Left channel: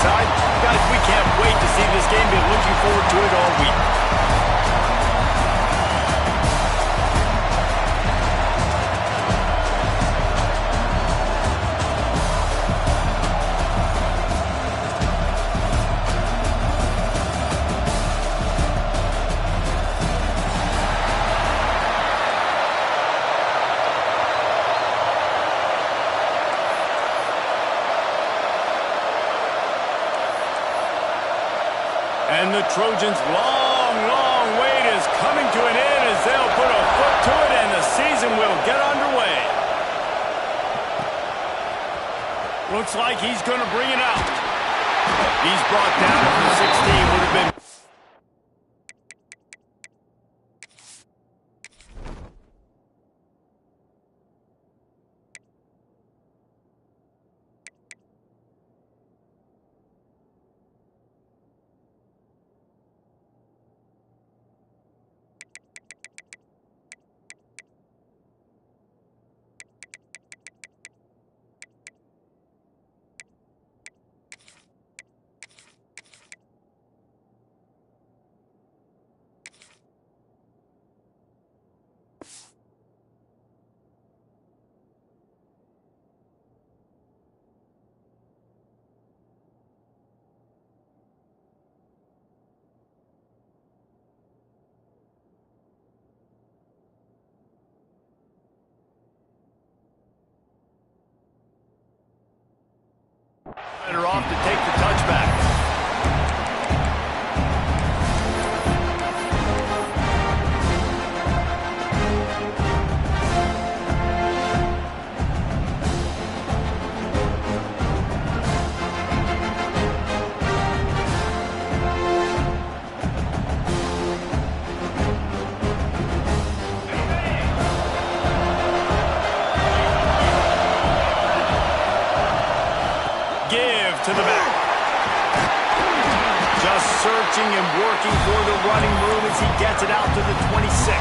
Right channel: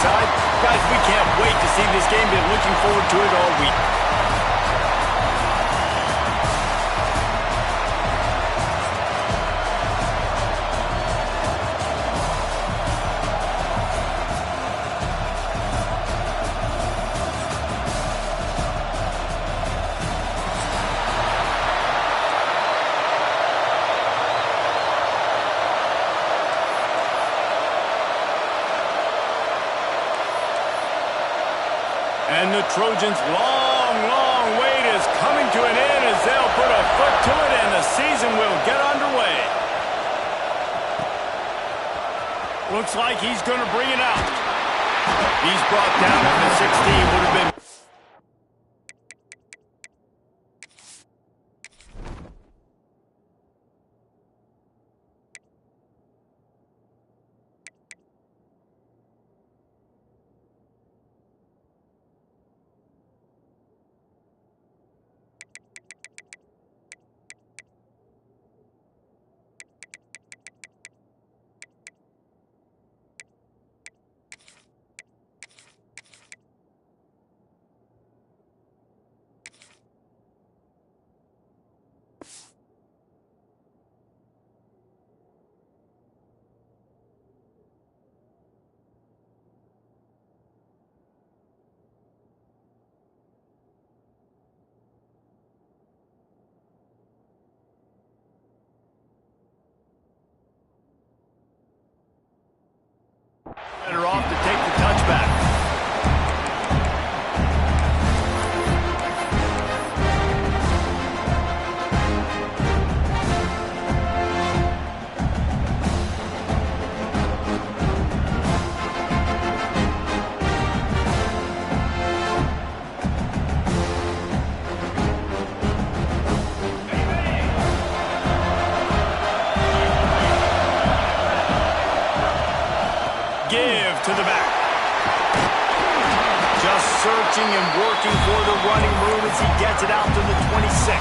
side. Guys, we can't wait to see this game. Been looking forward to it all week. And the Trojans' long wait is coming to an end as they'll put a foot to it and the season will get underway. Looks like he's going to bring it out. He's brought down at the 16. Would have been... Better off to take the touchback. Give to the back. Just searching and working for the running room as he gets it out to the 26.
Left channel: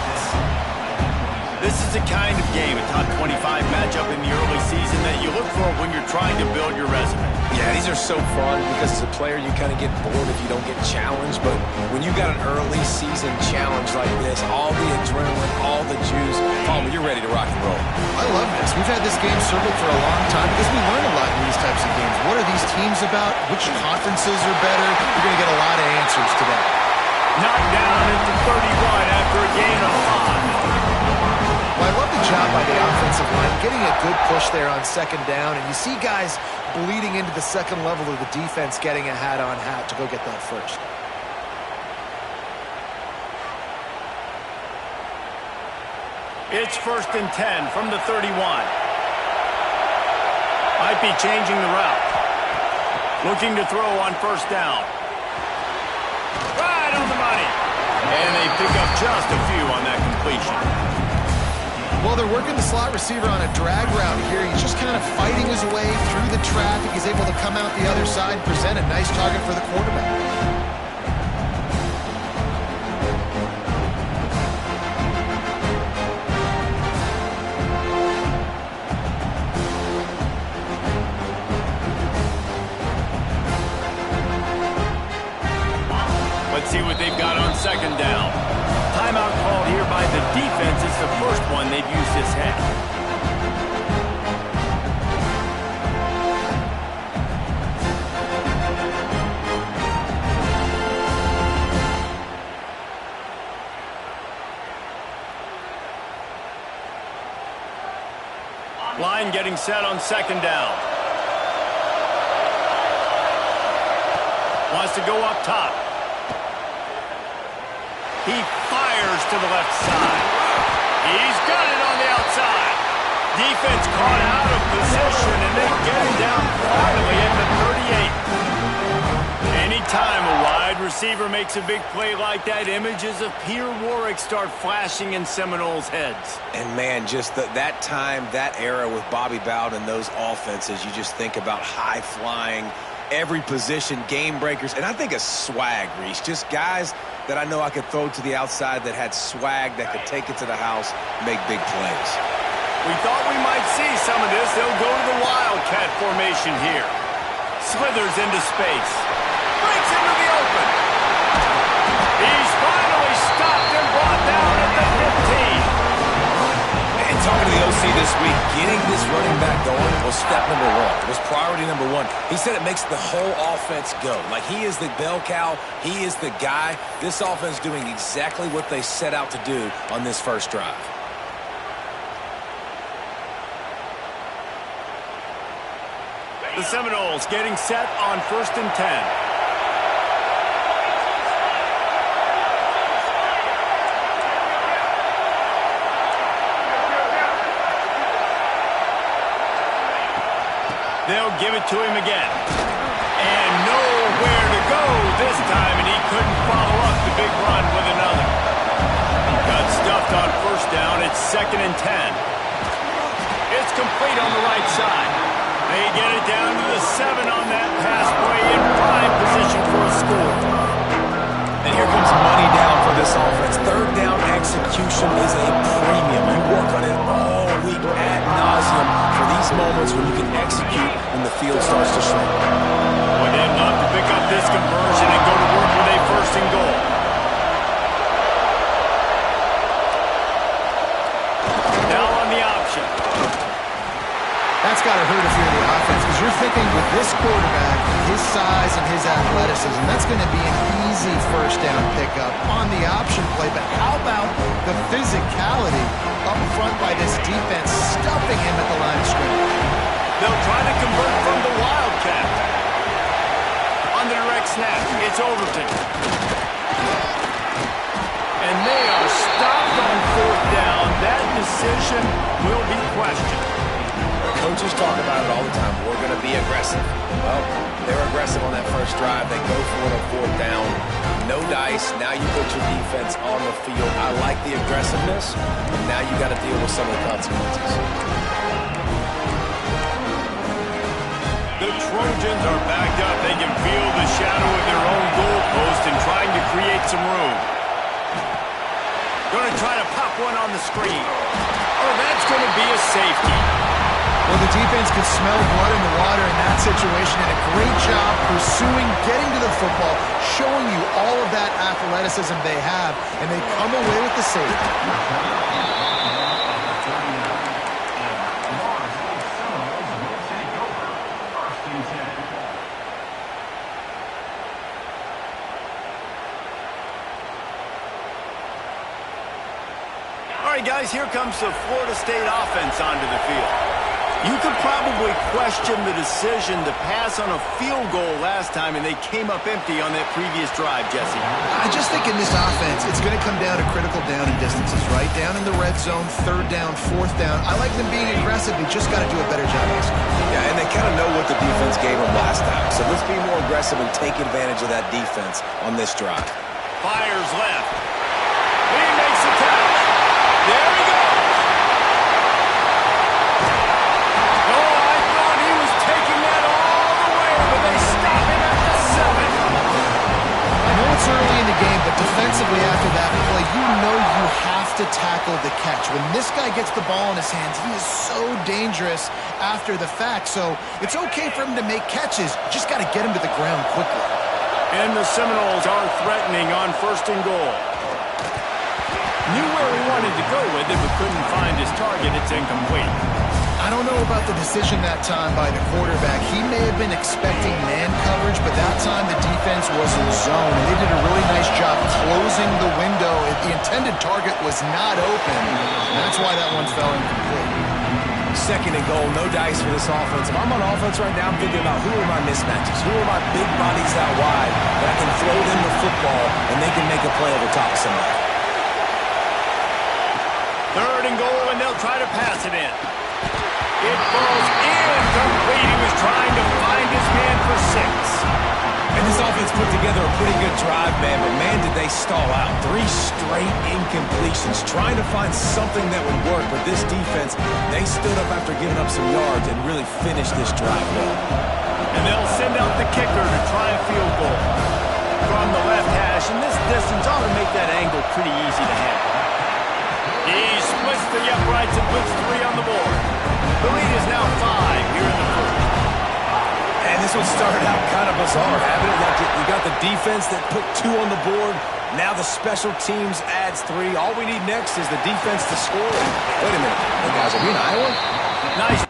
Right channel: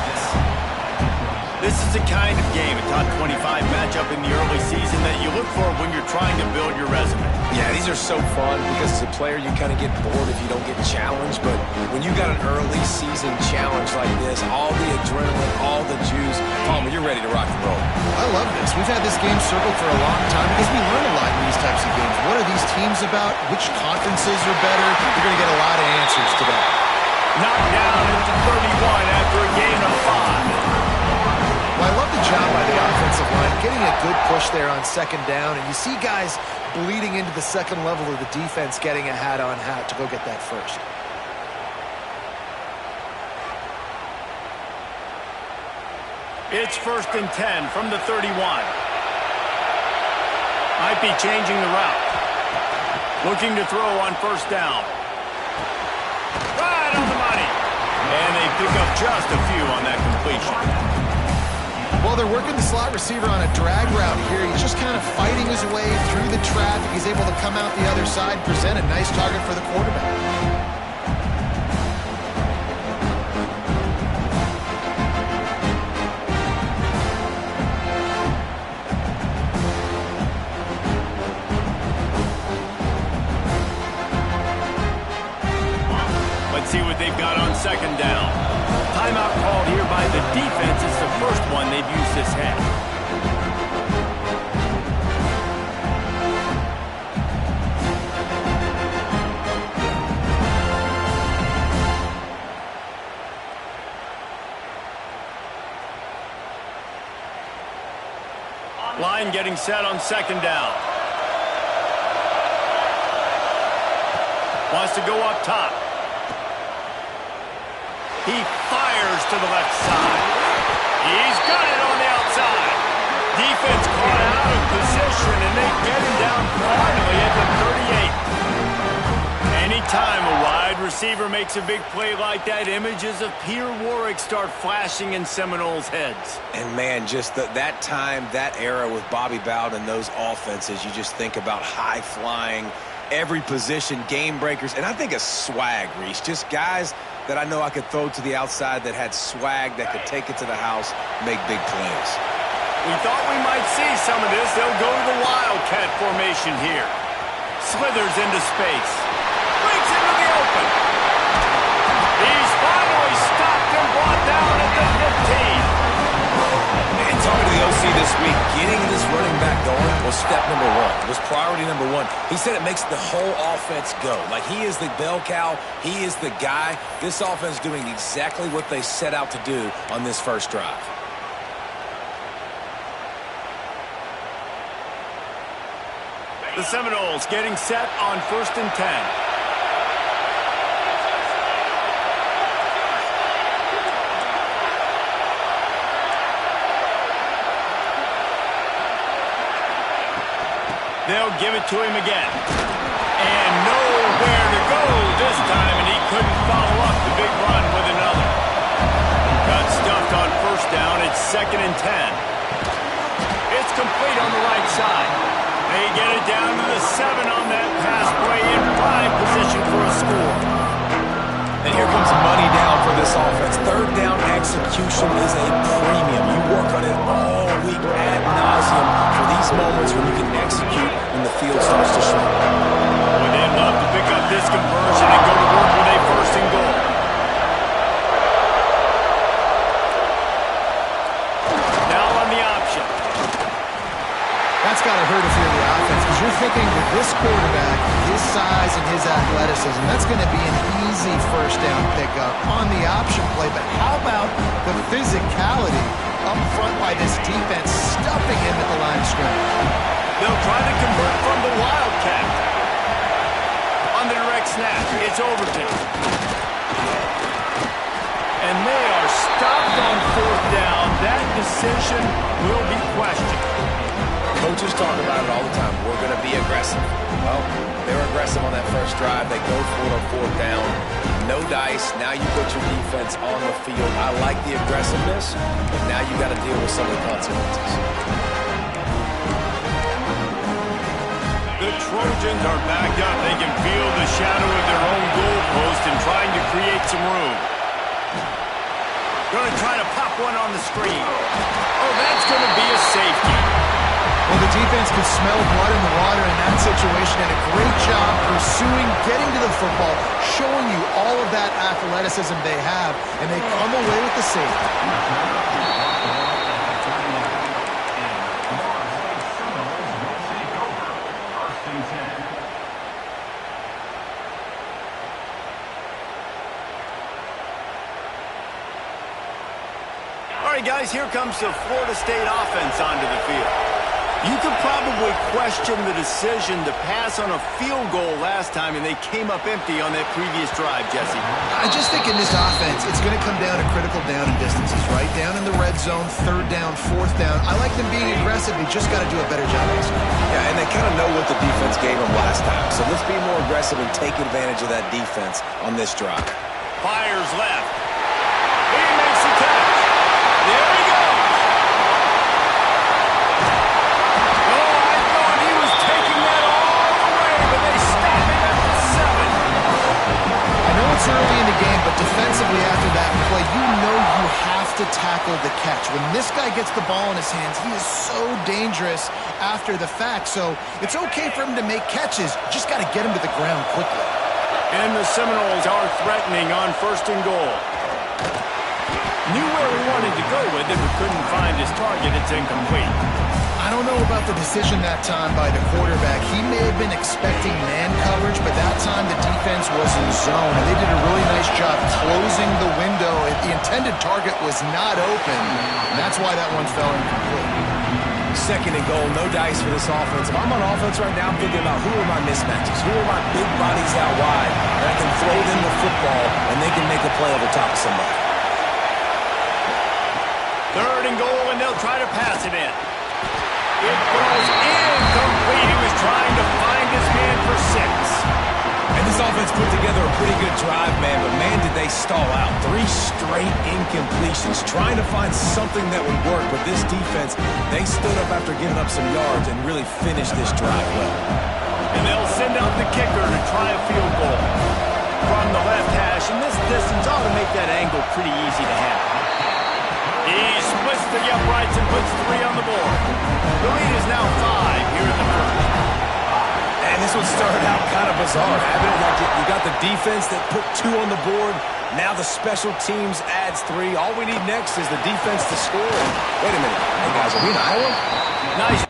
This is the kind of game, a top 25 matchup in the early season that you look for when you're trying to build your resume. Yeah, these are so fun because as a player you kind of get bored if you don't get challenged, but when you got an early season challenge like this, all the adrenaline, all the juice, Palmer, you're ready to rock and roll. I love this. We've had this game circled for a long time because we learn a lot in these types of games. What are these teams about? Which conferences are better? You're going to get a lot of answers today. Knocked down into 31 after a gain of 5. Well, I love the job by the offensive line, getting a good push there on second down, and you see guys bleeding into the second level of the defense getting a hat-on-hat to go get that first. It's 1st and 10 from the 31. Might be changing the route. Looking to throw on 1st down. Right on the money. And they pick up just a few on that completion. Well, they're working the slot receiver on a drag route here. He's just kind of fighting his way through the traffic. He's able to come out the other side, present a nice target for the quarterback. Let's see what they've got on 2nd down. Timeout called here by the defense. It's the first one they've used this half. Line getting set on 2nd down. Wants to go up top. He fires to the left side. He's got it on the outside. Defense caught out of position, and they get him down finally at the 38. Anytime a wide receiver makes a big play like that, images of Peter Warwick start flashing in Seminoles' heads. And, man, just that time, that era with Bobby Bowden and those offenses, you just think about high-flying, every position, game breakers, and I think of swag, Reese. Just guys that I know I could throw to the outside that had swag, that could take it to the house, make big plays. We thought we might see some of this. They'll go to the Wildcat formation here. Slithers into space. Breaks into the open. He's finally stopped and brought down at the 15. And talking to the OC this week, getting this running back going was step number one. It was priority number one. He said it makes the whole offense go. Like, he is the bell cow. He is the guy. This offense doing exactly what they set out to do on this first drive. The Seminoles getting set on 1st and 10. They'll give it to him again. And nowhere to go this time, and he couldn't follow up the big run with another. Got stuffed on 1st down. It's 2nd and 10. It's complete on the right side. They get it down to the 7 on that pass play in prime position for a score. And here comes money down for this offense. 3rd down execution is a premium. You work on it all week ad nauseum for these moments when you can execute when the field starts to shrink. Well, they'd love to pick up this conversion and go to work with a 1st and goal. Now on the option. That's got to hurt if you're the offense, because you're thinking with this quarterback, his size and his athleticism, that's going to be an easy 1st down pickup on the option play. But how about the physicality up front by this defense, stuffing him at the line of scrimmage? They'll try to convert from the Wildcat. On the direct snap, it's Overton. And they are stopped on 4th down. That decision will be questioned. Coaches talk about it all the time. We're going to be aggressive. Well, they were aggressive on that first drive. They go for it on 4th down. No dice. Now you put your defense on the field. I like the aggressiveness, but now you got to deal with some of the consequences. The Trojans are backed up. They can feel the shadow of their own goalpost and trying to create some room. Going to try to pop one on the screen. Oh, that's going to be a safety. Well, the defense could smell blood in the water in that situation, and a great job pursuing, getting to the football, showing you all of that athleticism they have, and they come away with the safety. All right, guys, here comes the Florida State offense onto the field. You could probably question the decision to pass on a field goal last time, and they came up empty on that previous drive, Jesse. I just think in this offense, it's going to come down to critical down and distances, right? Down in the red zone, 3rd down, 4th down. I like them being aggressive. They just got to do a better job executing. Yeah, and they kind of know what the defense gave them last time. So let's be more aggressive and take advantage of that defense on this drive. Fires left. He makes the catch. There he goes. It's early in the game, but defensively after that play, you know you have to tackle the catch. When this guy gets the ball in his hands, he is so dangerous after the fact. So it's okay for him to make catches. You just got to get him to the ground quickly. And the Seminoles are threatening on 1st and goal. Knew where he wanted to go with it, but couldn't find his target. It's incomplete. I don't know about the decision that time by the quarterback. He may have been expecting man coverage, but that time the defense was in zone, and they did a really nice job closing the window. The intended target was not open, and that's why that one fell incomplete. 2nd and goal, no dice for this offense. If I'm on offense right now, I'm thinking about who are my mismatches? Who are my big bodies out wide that I can throw them the football and they can make a play over top of somebody? 3rd and goal, and they'll try to pass it in. It falls incomplete. He was trying to find his man for 6. And this offense put together a pretty good drive, man, but man, did they stall out. 3 straight incompletions, trying to find something that would work, but this defense, they stood up after giving up some yards and really finished this drive well. And they'll send out the kicker to try a field goal. From the left hash, and this distance ought to make that angle pretty easy to handle. He splits the uprights and puts 3 on the board. The lead is now 5 here in the 1st. And And this one started out kind of bizarre, haven't it? Like you got the defense that put 2 on the board. Now the special teams adds 3. All we need next is the defense to score. Wait a minute. Hey, guys, are we in Iowa? Nice.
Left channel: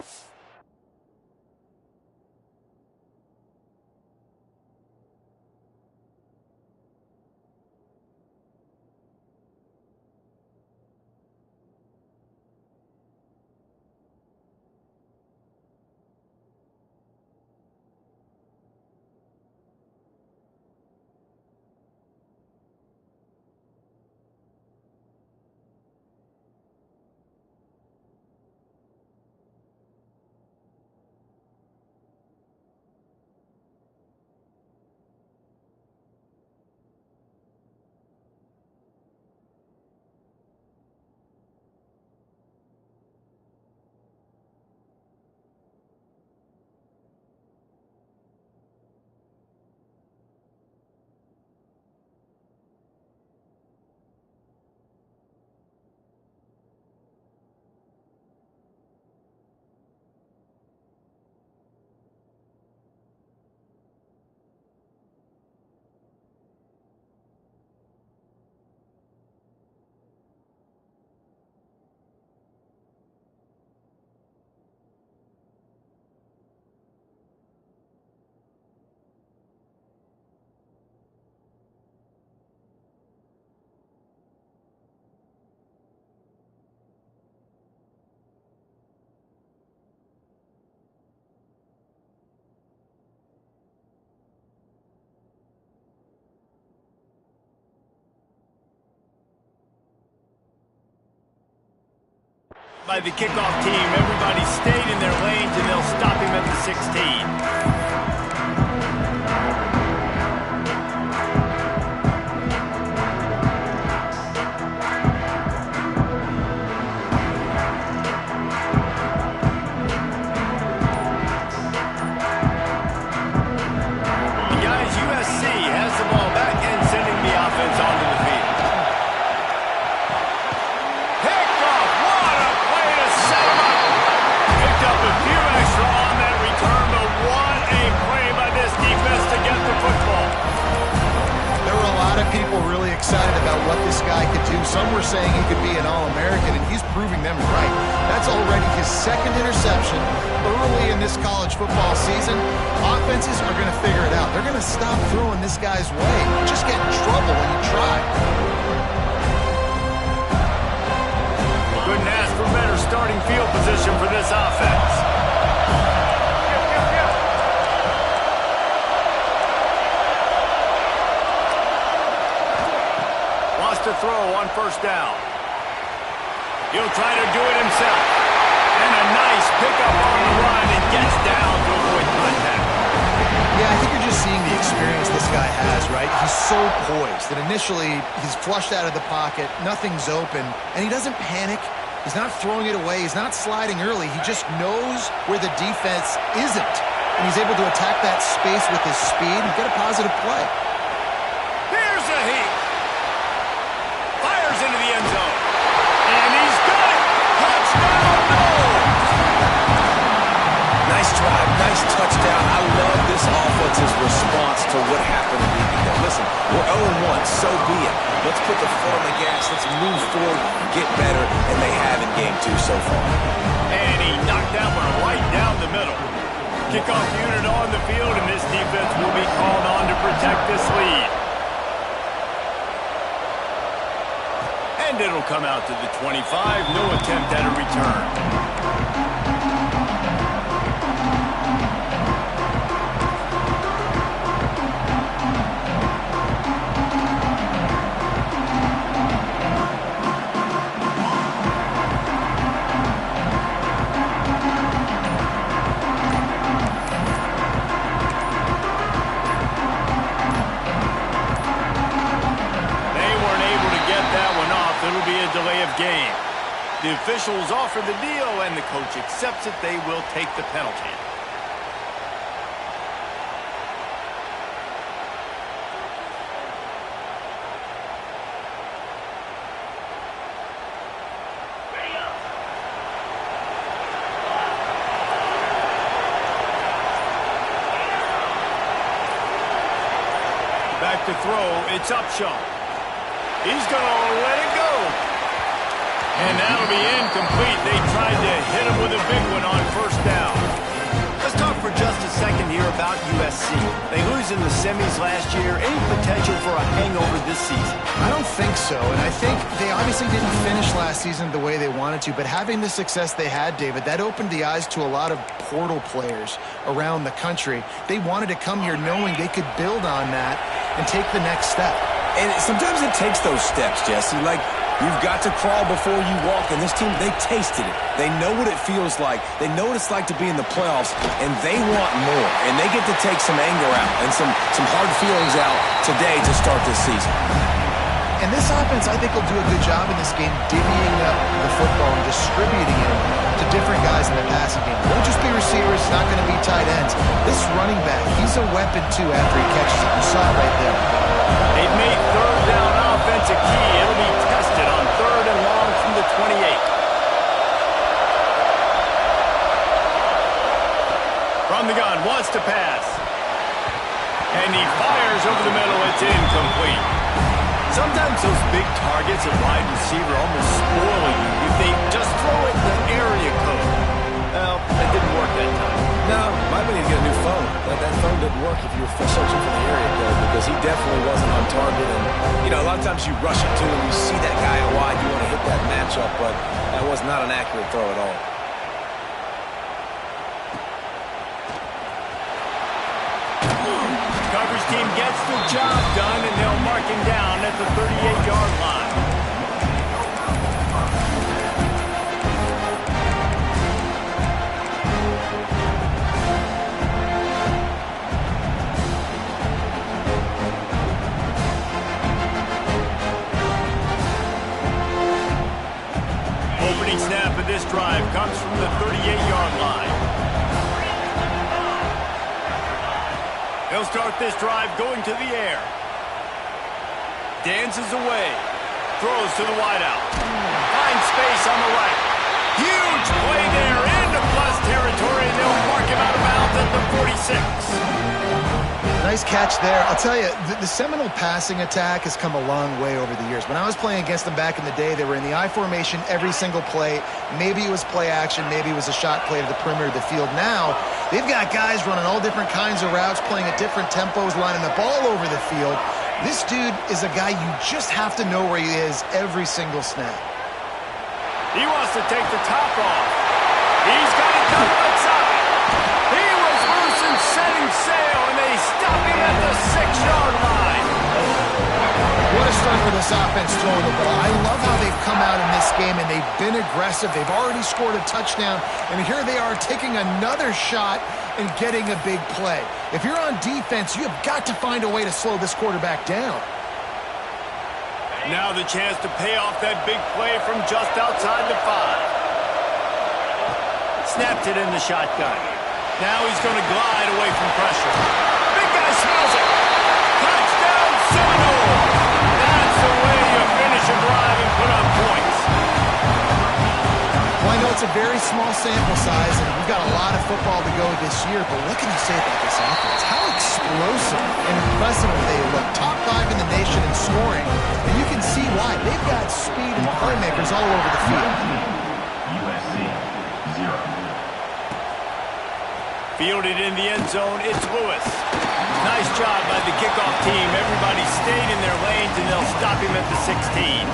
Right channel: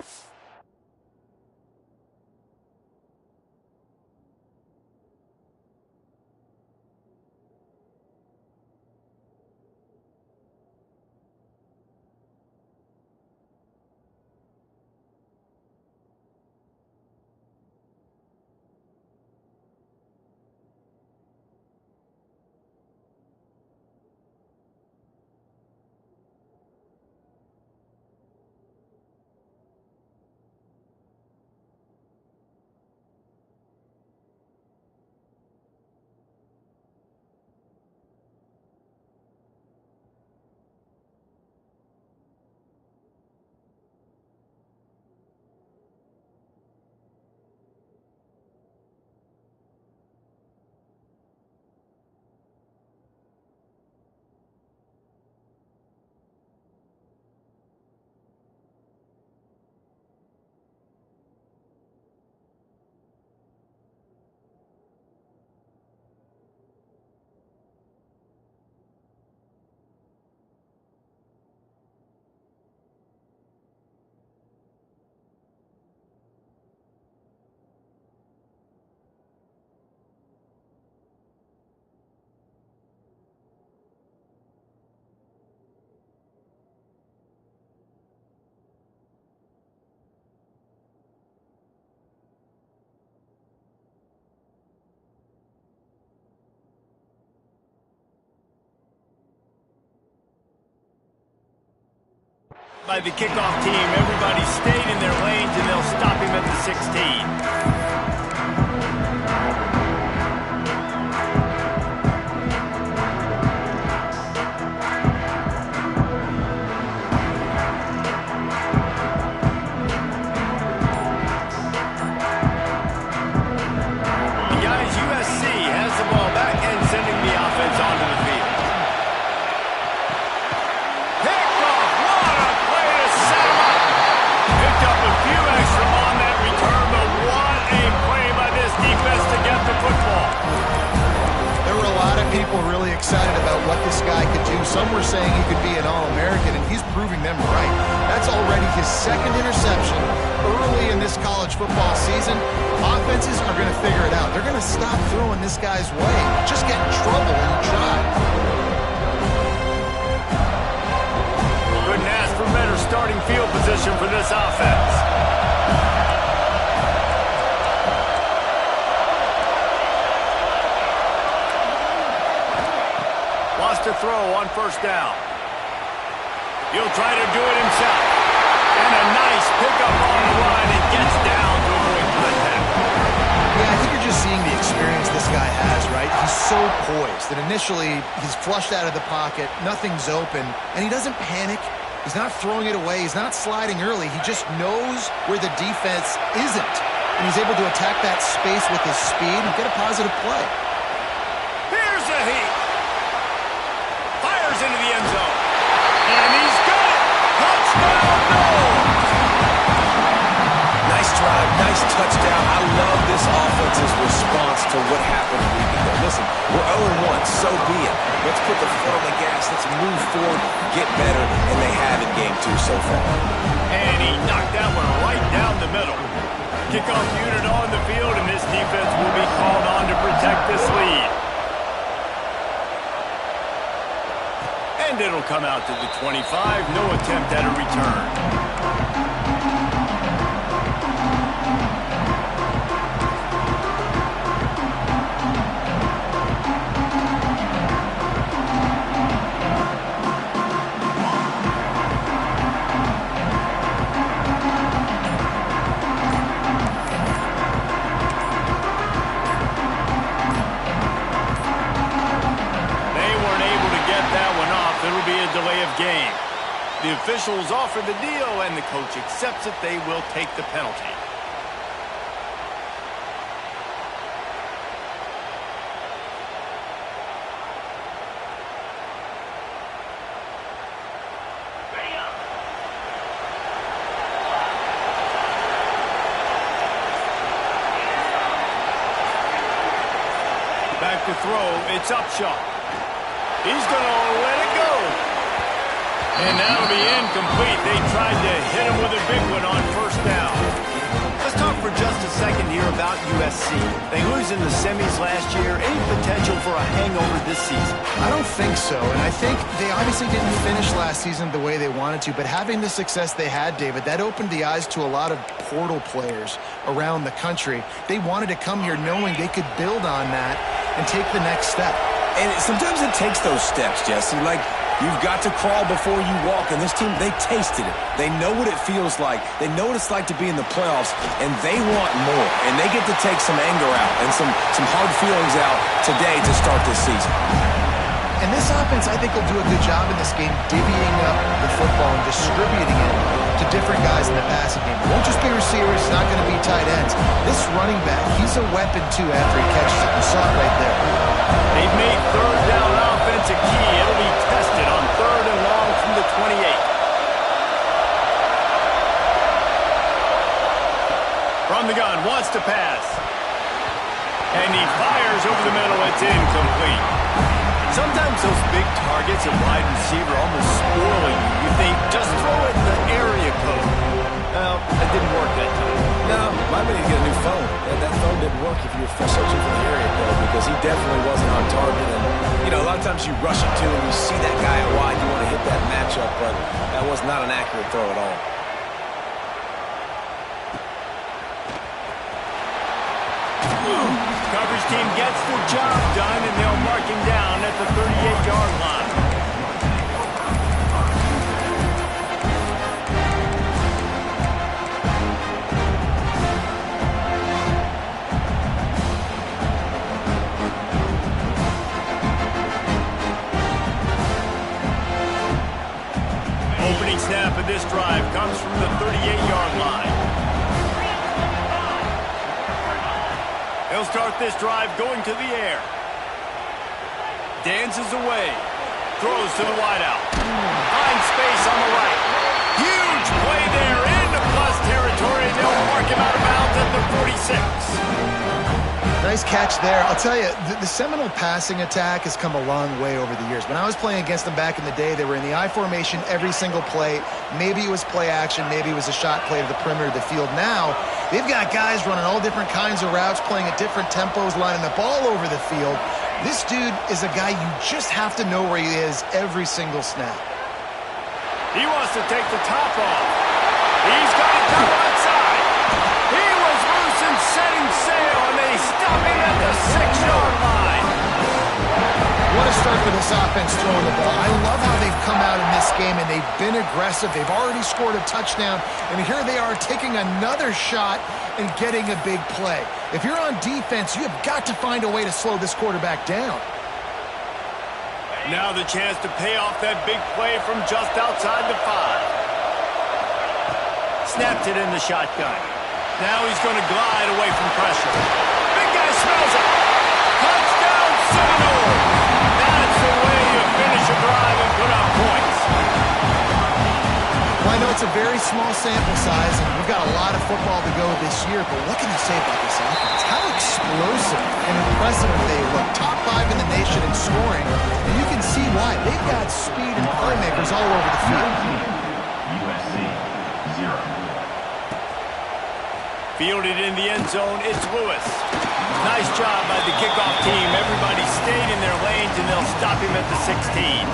By the kickoff team, everybody stayed in their lanes, and they'll stop him at the 16. Guys, USC has the ball back and sending the offense onto the field. Up a few extra on that return, but what a play by this defense to get the football. There were a lot of people really excited about what this guy could do. Some were saying he could be an All-American, and he's proving them right. That's already his 2nd interception early in this college football season. Offenses are going to figure it out. They're going to stop throwing this guy's way. Just get in trouble when you try. Couldn't ask for better starting field position for this offense. Wants to throw on 1st down. He'll try to do it himself. And a nice pickup on the run and gets down to avoid contact. Yeah, I think you're just seeing the experience this guy has, right? He's so poised that initially he's flushed out of the pocket, nothing's open, and he doesn't panic. He's not throwing it away. He's not sliding early. He just knows where the defense isn't, and he's able to attack that space with his speed and get a positive play. Here's a heat. Fires into the end zone. And he's got it. Touchdown, no! Nice drive, nice touchdown. I love this offense's response to what happened a week ago. Listen, we're 0-1, so be it. Let's put the foot on the gas. Let's move forward, get better, and they have in game 2 so far. And he knocked that one right down the middle. Kickoff unit on the field, and this defense will be called on to protect this lead. And it'll come out to the 25. No attempt at a return. It'll be a delay of game. The officials offer the deal, and the coach accepts it. They will take the penalty. Back to throw. It's Upshaw. He's going to let it go. And that'll be incomplete. They tried to hit him with a big one on first down. Let's talk for just a second here about USC. They lose in the semis last year. Any potential for a hangover this season? I don't think so, and I think they obviously didn't finish last season the way they wanted to, but having the success they had, David, that opened the eyes to a lot of portal players around the country. They wanted to come here knowing they could build on that and take the next step. And sometimes it takes those steps, Jesse. Like, you've got to crawl before you walk, and this team, they tasted it. They know what it feels like. They know what it's like to be in the playoffs, and they want more. And they get to take some anger out and some hard feelings out today to start this season. And this offense, I think, will do a good job in this game divvying up the football and distributing it to different guys in the passing game. It won't just be receivers. It's not going to be tight ends. This running back, he's a weapon, too, after he catches it. You saw it right there. They've made third down offense a key. It'll be tested on 3rd and long from the 28. From the gun, wants to pass. And he fires over the middle. It's incomplete. Sometimes those big targets at wide receiver almost spoil you. You think, just throw it in the area code. Well, that didn't work that time. No, might need to get a new phone. That phone didn't work if you were searching for the area code because he definitely wasn't on target. And, you know, a lot of times you rush it to him, you see that guy out wide, you want to hit that matchup, but that was not an accurate throw at all. Coverage team gets the job done, and they'll mark him down at the 38-yard line. Opening snap of this drive comes from the 38-yard line. He'll start this drive going to the air. Dances away. Throws to the wideout. Finds space on the right. Huge play there into plus territory, and they'll mark him out of bounds at the 46. Nice catch there. I'll tell you, the Seminole passing attack has come a long way over the years. When I was playing against them back in the day, they were in the I formation every single play. Maybe it was play action. Maybe it was a shot play to the perimeter of the field. Now, they've got guys running all different kinds of routes, playing at different tempos, lining the ball over the field. This dude is a guy you just have to know where he is every single snap. He wants to take the top off. He's got it covered outside. He was loose and setting sail, and they stop him at the 6-yard line. What a start for this offense throwing the ball. I love how they've come out in this game, and they've been aggressive. They've already scored a touchdown, and here they are taking another shot and getting a big play. If you're on defense, you have got to find a way to slow this quarterback down. Now the chance to pay off that big play from just outside the 5. Snapped it in the shotgun. Now he's going to glide away from pressure. Big guy smells it. Touchdown Seminole. That's the way you finish a drive and put up points. Well, I know it's a very small sample size, and we've got a lot of football to go this year, but what can you say about this offense? How explosive and impressive they look. Top 5 in the nation in scoring, and you can see why. They've got speed and playmakers all over the field. USC, 0. Fielded in the end zone, it's Lewis. Nice job by the kickoff team. Everybody stayed in their lanes, and they'll stop him at the 16.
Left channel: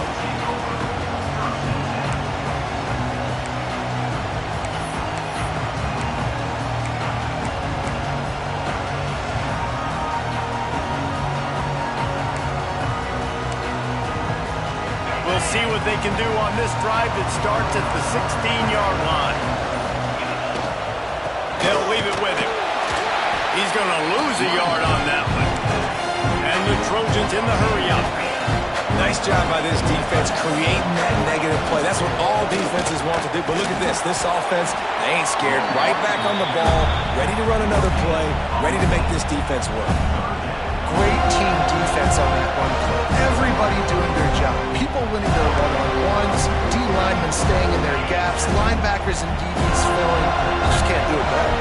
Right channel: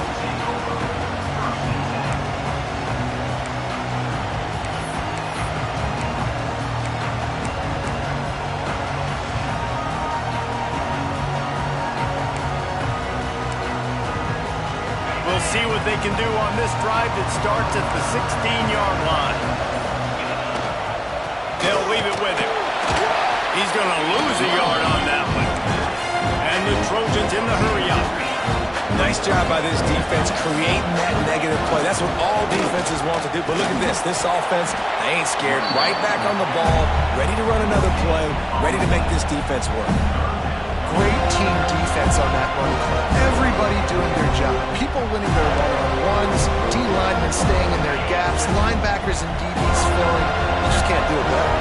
We'll see what they can do on this drive that starts at the 16-yard line. They'll leave it with him. He's going to lose a yard on that one. And the Trojans in the hurry-up. Nice job by this defense creating that negative play. That's what all defenses want to do. But look at this. This offense, they ain't scared. Right back on the ball, ready to run another play, ready to make this defense work. Great team defense on that run play. Everybody doing their job. People winning their one-on-ones, D-linemen staying in their gaps, linebackers and DBs filling. You just can't do it better.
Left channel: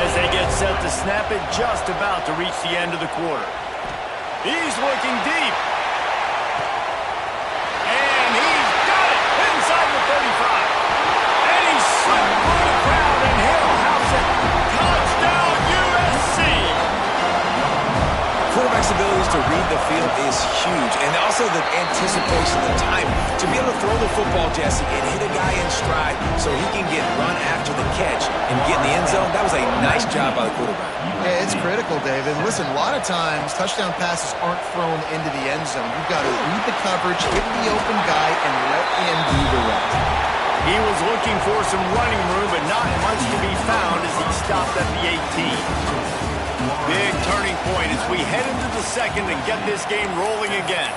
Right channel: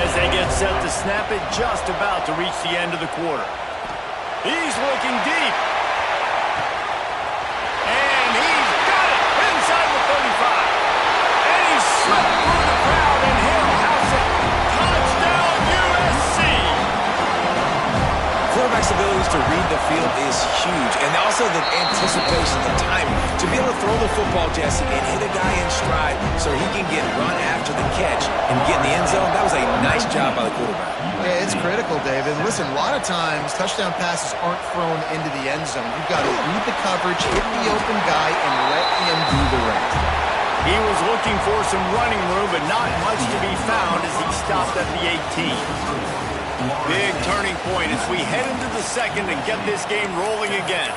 As they get set to snap it, just about to reach the end of the quarter. He's looking deep. And he's got it inside the 35. And he slipped through the crowd, and he'll house it. Touchdown, USC! Quarterback's abilities to read the field is huge, and also the anticipation, the timing. To be able to throw the football, Jesse, and hit a guy in stride so he can get run after the catch and get in the end zone, that was a nice job by the quarterback. Yeah, it's critical, David. Listen, a lot of times touchdown passes aren't thrown into the end zone. You've got to read the coverage, hit the open guy, and let him do the rest. He was looking for some running room, but not much to be found as he stopped at the 18. Big turning point as we head into the second and get this game rolling again.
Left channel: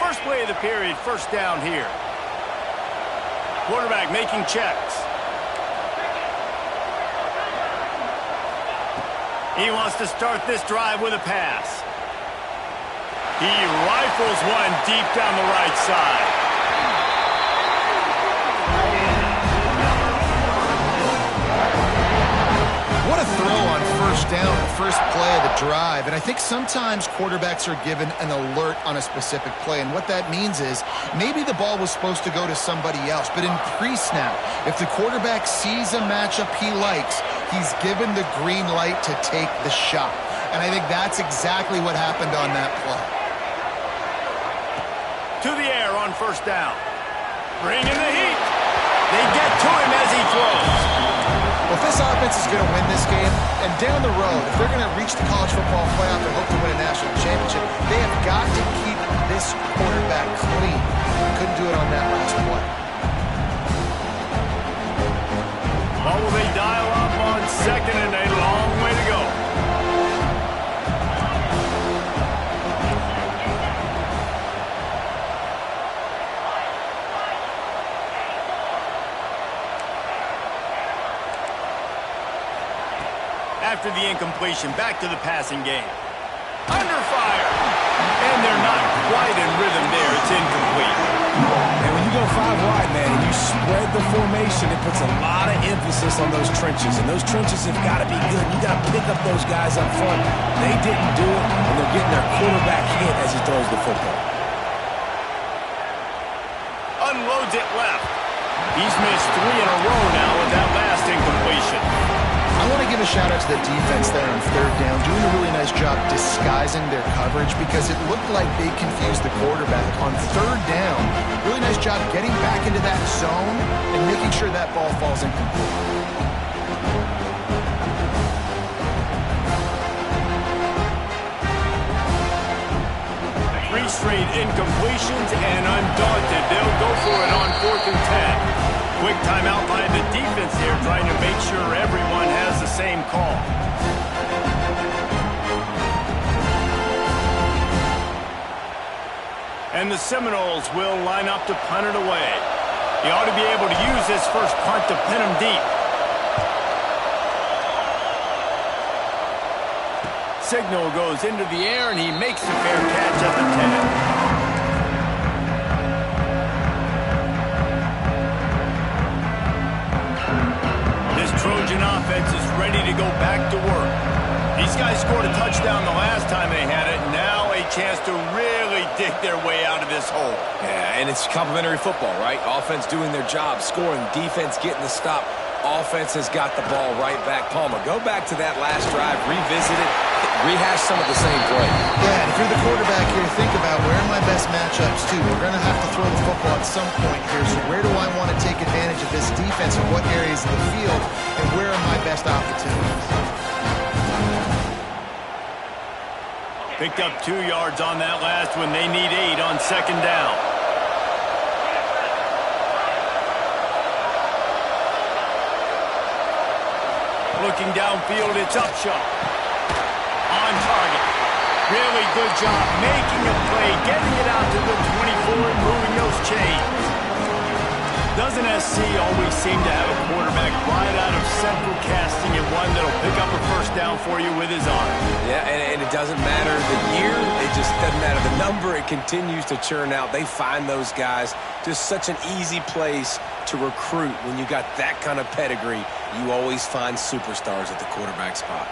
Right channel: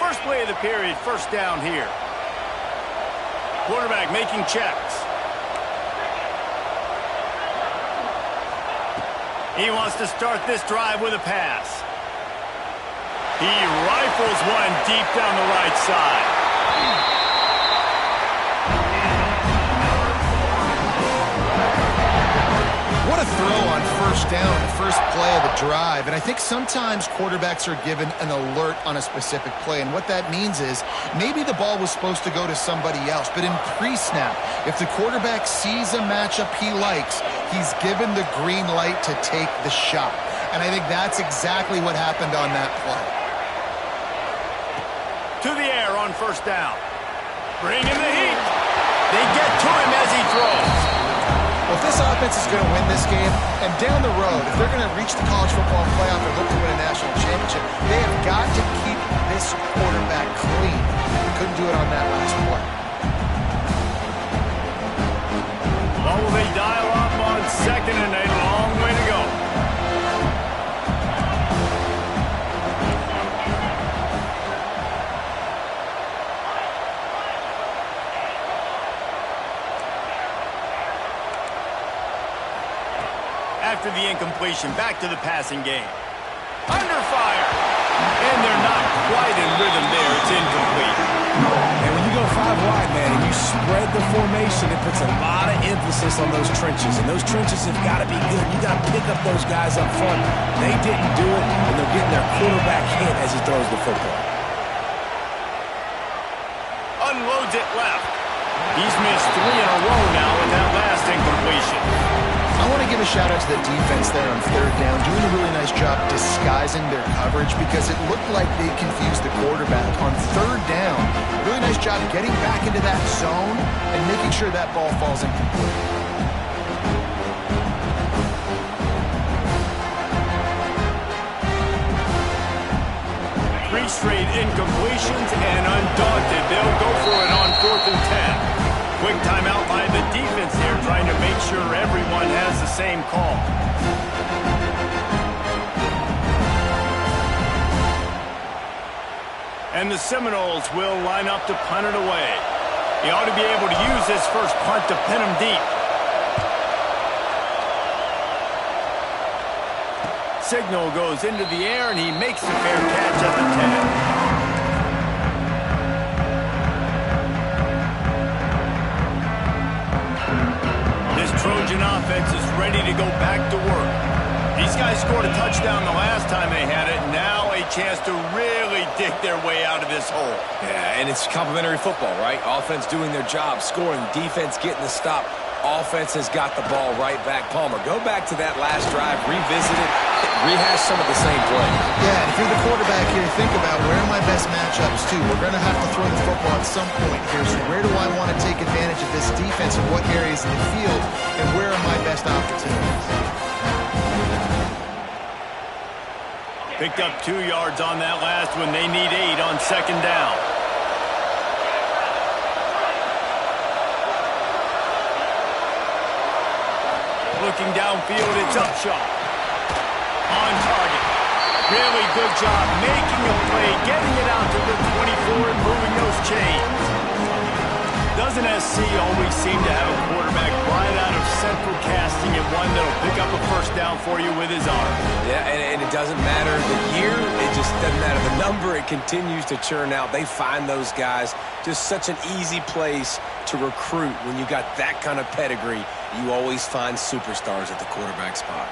First play of the period, first down here. Quarterback making checks. He wants to start this drive with a pass. He rifles one deep down the right side. What a throw on first down, the first play of the drive. And I think sometimes quarterbacks are given an alert on a specific play. And what that means is maybe the ball was supposed to go to somebody else. But in pre-snap, if the quarterback sees a matchup he likes, he's given the green light to take the shot. And I think that's exactly what happened on that play. To the air on first down. Bring in the heat. They get to him as he throws. Well, if this offense is going to win this game, and down the road, if they're going to reach the college football playoff and hope to win a national championship, they have got to keep this quarterback clean. Couldn't do it on that last play. Well, will they dial up on second and a long way to go? After the incompletion, back to the passing game. Under fire. And they're not quite in rhythm there. It's incomplete. And when you go 5 wide, man, and you spread the formation, it puts a lot of emphasis on those trenches. And those trenches have got to be good. You got to pick up those guys up front. They didn't do it, and they're getting their quarterback hit as he throws the football. Unloads it left. He's missed 3 in a row now with that last incompletion. I want to give a shout-out to the defense there on third down, doing a really nice job disguising their coverage because it looked like they confused the quarterback. On third down, really nice job getting back into that zone and making sure that ball falls incomplete. 3 straight incompletions, and undaunted, they'll go for it on 4th and 10. Quick timeout by the defense here, trying to make sure everyone has the same call. And the Seminoles will line up to punt it away. He ought to be able to use this first punt to pin him deep. Signal goes into the air, and he makes the fair catch at the 10. Trojan offense is ready to go back to work. These guys scored a touchdown the last time they had it. Now a chance to really dig their way out of this hole. Yeah, and it's complimentary football, right? Offense doing their job, scoring, defense getting the stop. Offense has got the ball right back. Palmer, go back to that last drive, revisit it, rehash some of the same plays. Yeah, and if you're the quarterback here, think about where are my best matchups too. We're going to have to throw the football at some point here. So where do I want to take advantage of this defense and what areas in the field, and where are my best opportunities? Picked up 2 yards on that last one. They need 8 on second down. Looking downfield, it's Upshaw. On target. Really good job making a play, getting it out to the 24 and moving those chains. Doesn't SC always seem to have a quarterback right out of central casting and one that'll pick up a first down for you with his arm? Yeah, and it doesn't matter the year. It just doesn't matter the number. It continues to churn out. They find those guys just such an easy place to recruit. When you got that kind of pedigree, you always find superstars at the quarterback spot.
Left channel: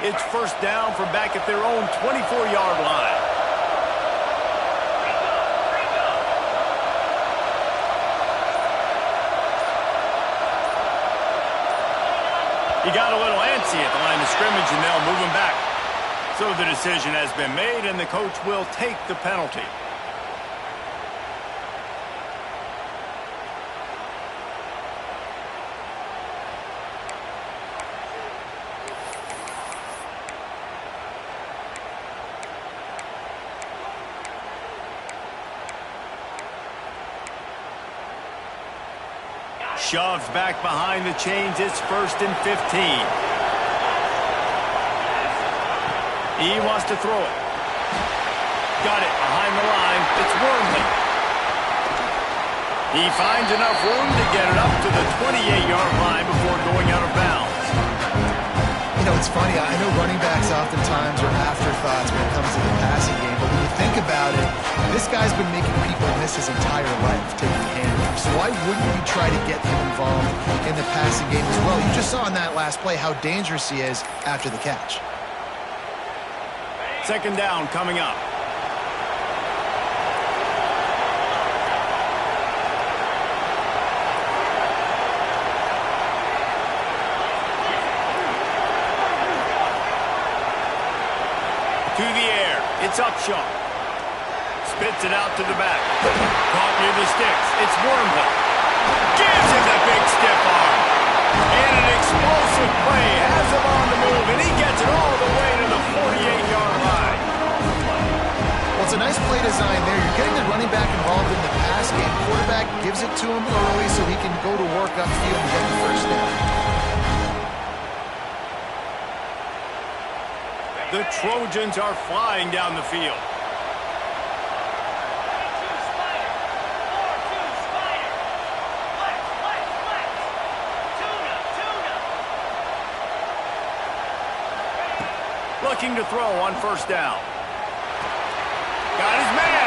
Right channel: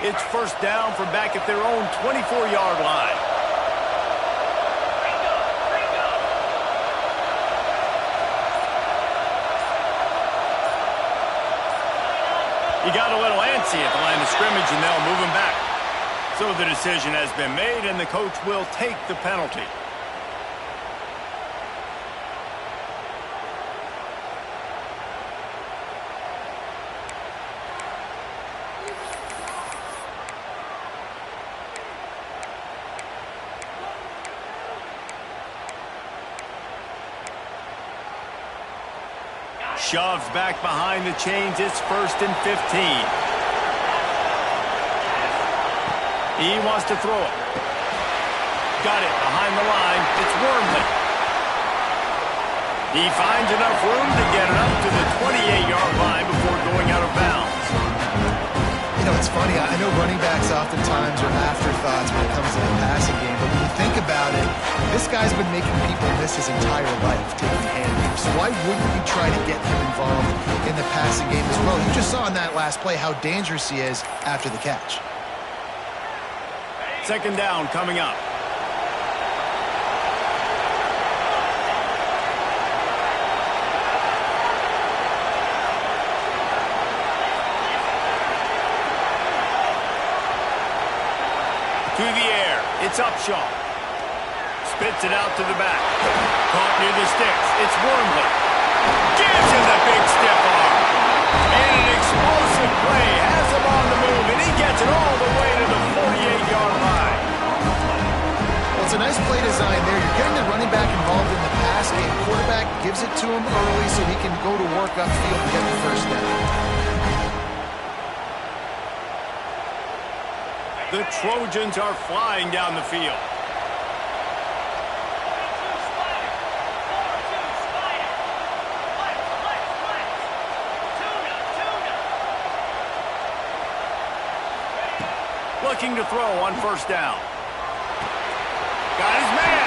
It's first down from back at their own 24-yard line. He got a little antsy at the line of scrimmage, and they'll move him back. So the decision has been made, and the coach will take the penalty. Shoves back behind the chains. It's 1st and 15. He wants to throw it. Got it behind the line. It's Wormley. He finds enough room to get it up to the 28-yard line before going out of bounds. You know, it's funny. I know running backs oftentimes are afterthoughts when it comes to the passing game, but when you think about it, this guy's been making people miss his entire life taking handoffs. So why wouldn't you try to get him involved in the passing game as well? You just saw in that last play how dangerous he is after the catch. Second down coming up. To the air. It's Upshaw. Spits it out to the back. Caught near the sticks. It's Wormley. Gives him the big stiff arm. And an explosive play. Has him on the move, and he gets it all the way to the 48-yard line. Well, it's a nice play design there. You're getting the running back involved in the pass game. Quarterback gives it to him early so he can go to work upfield and get the first down. The Trojans are flying down the field. 42 Spider. 4-2 Spider. Flex. Tuna. Looking to throw on first down. Got his man.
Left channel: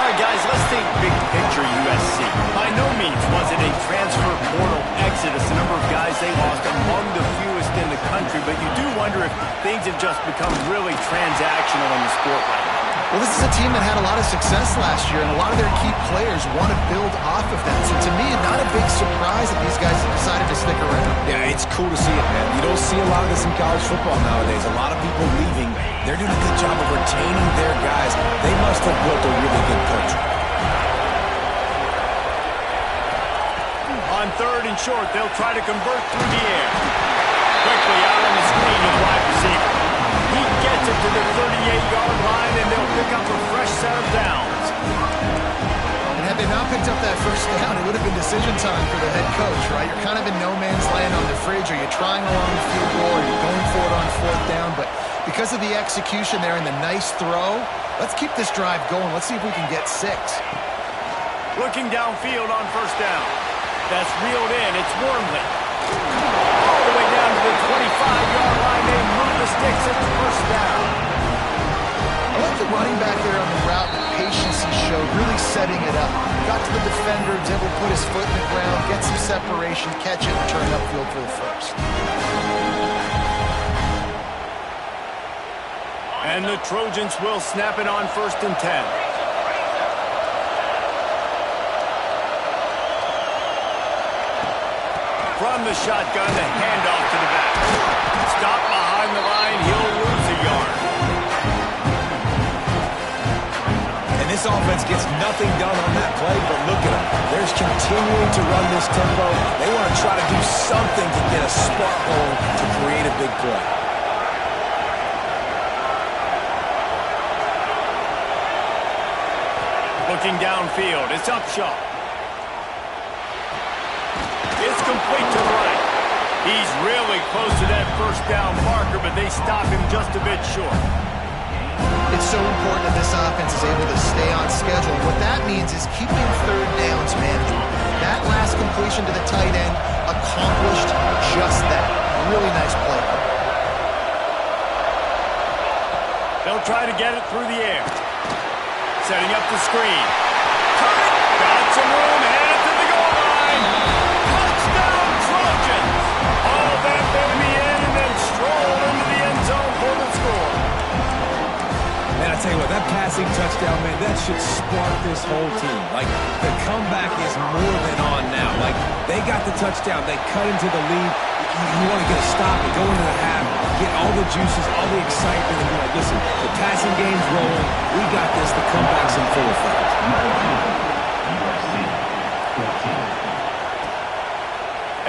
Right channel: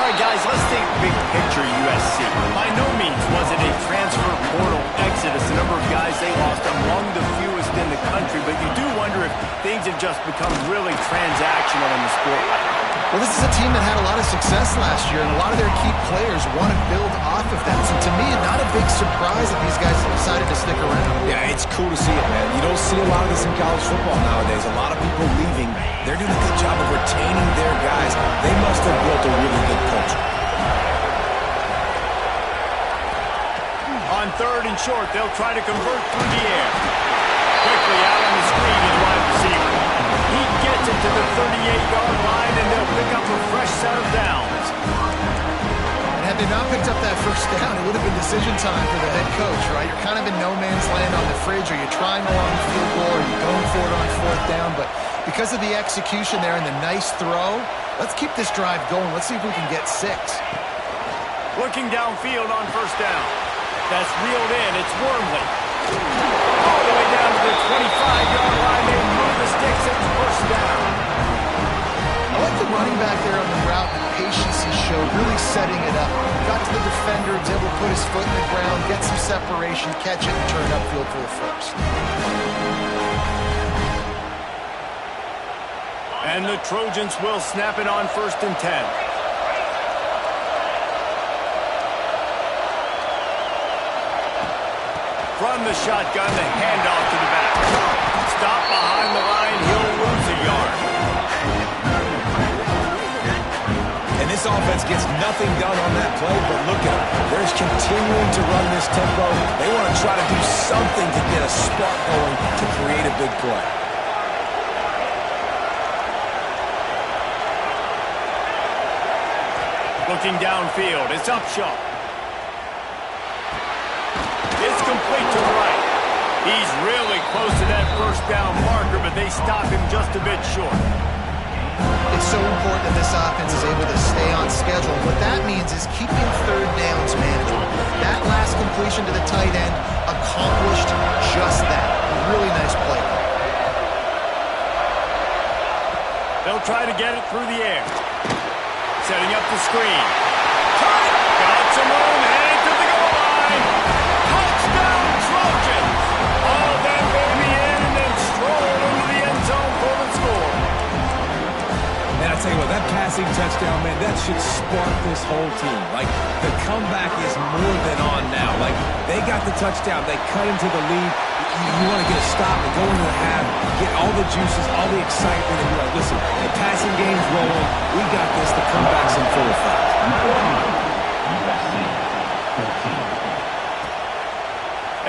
All right, guys, let's think big picture USC. By no means was it a transfer portal exodus, the number of guys they lost among the fewest in the country, but you do wonder if things have just become really transactional in the sport right now. Well, this is a team that had a lot of success last year, and a lot of their key players want to build off of that. So to me, not a big surprise that these guys decided to stick around. Yeah, it's cool to see it, man. You don't see a lot of this in college football nowadays. A lot of people leaving. They're doing a good job of retaining their guys. They must have built a really good culture. On 3rd and short, they'll try to convert through the air. Quickly out on the screen to the wide receiver. He gets it to the 38-yard line, and they'll pick up a fresh set of downs. And had they not picked up that first down, it would have been decision time for the head coach, right? You're kind of in no man's land on the fridge. Are you trying along the field goal? Are you going for it on 4th down? But because of the execution there and the nice throw, let's keep this drive going. Let's see if we can get 6. Looking downfield on first down. That's reeled in. It's Wormley. All the way down to the 25-yard line. They move the sticks. It's first down. I like the running back there on the route and the patience he showed, really setting it up. Got to the defender, was able to put his foot in the ground, get some separation, catch it, and turn upfield for the first. And the Trojans will snap it on 1st and 10. From the shotgun, the handoff to the back. Stop behind the line. He'll lose a yard. And this offense gets nothing done on that play, but look at them. They're just continuing to run this tempo. They want to try to do something to get a spark going to create a big play. Looking downfield, it's Upshaw. It's complete to the right. He's really close to that first down marker, but they stop him just a bit short. If it's so important that this offense is able to stay on schedule. And what that means is keeping third downs manageable. That last completion to the tight end accomplished just that. Really nice play. They'll try to get it through the air. Setting up the screen. Turn it. Got some room. Headed to the goal line. Touchdown, Trojans. All that baby in and then stroll into the end zone for the score. Man, I tell you what, that passing touchdown, man, that should spark this whole team. Like, the comeback is more than on now. Like, they got the touchdown. They cut into the lead. You want to get a stop and go into the half, get all the juices, all the excitement, and be like, listen, the passing game's rolling. We got this. The comeback's in full effect. USC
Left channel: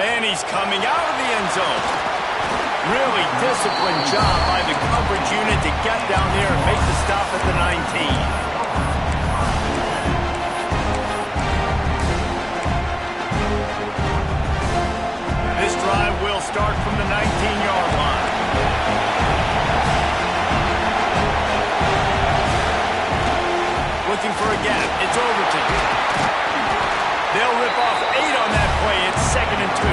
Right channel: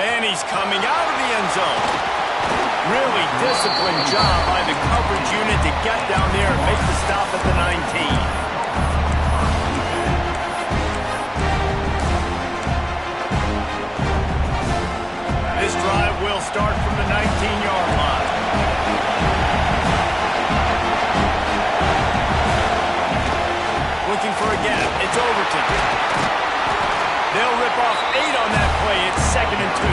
14. And he's coming out of the end zone. Really disciplined job by the coverage unit to get down there and make the stop at the 19. This drive will start from the 19-yard line. Looking for a gap. It's Overton. They'll rip off 8 on that play. It's 2nd and 2.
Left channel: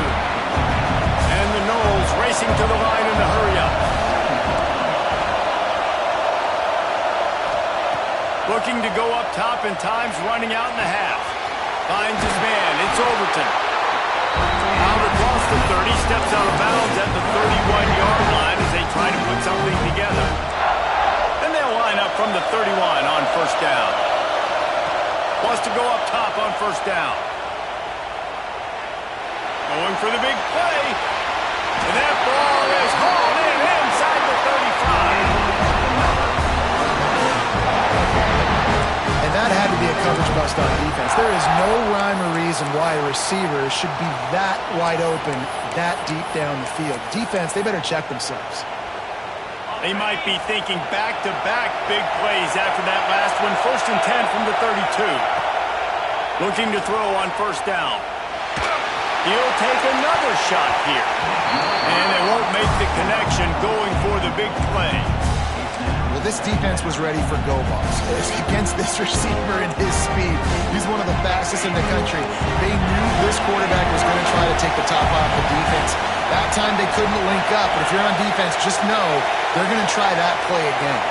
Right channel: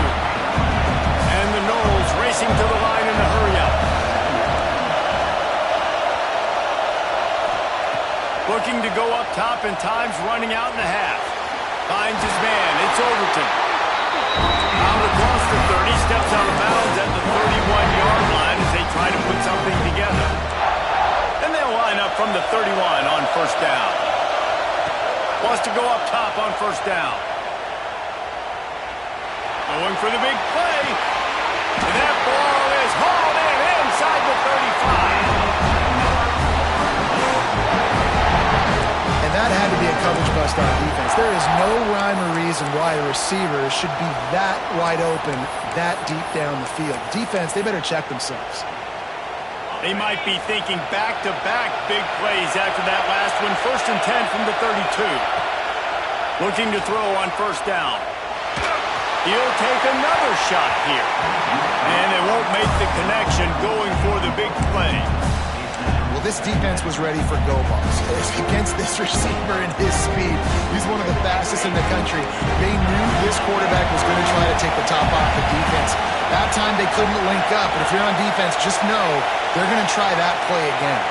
And the Knowles racing to the line in a hurry-up. Looking to go up top, and time's running out in the half. Finds his man. It's Overton. Out across the 30, steps out of bounds at the 31-yard line as they try to put something together. And they'll line up from the 31 on first down. Wants to go up top on first down. Going for the big play. And that ball is hauled in inside the 35. And that had to be a coverage bust on defense. There is no rhyme or reason why a receiver should be that wide open, that deep down the field. Defense, they better check themselves. They might be thinking back-to-back big plays after that last one. 1st and 10 from the 32. Looking to throw on first down. He'll take another shot here. And it won't make the connection going for the big play. Well, this defense was ready for go balls. Against this receiver and his speed, he's one of the fastest in the country. They knew this quarterback was going to try to take the top off the defense. That time they couldn't link up, but if you're on defense, just know they're going to try that play again.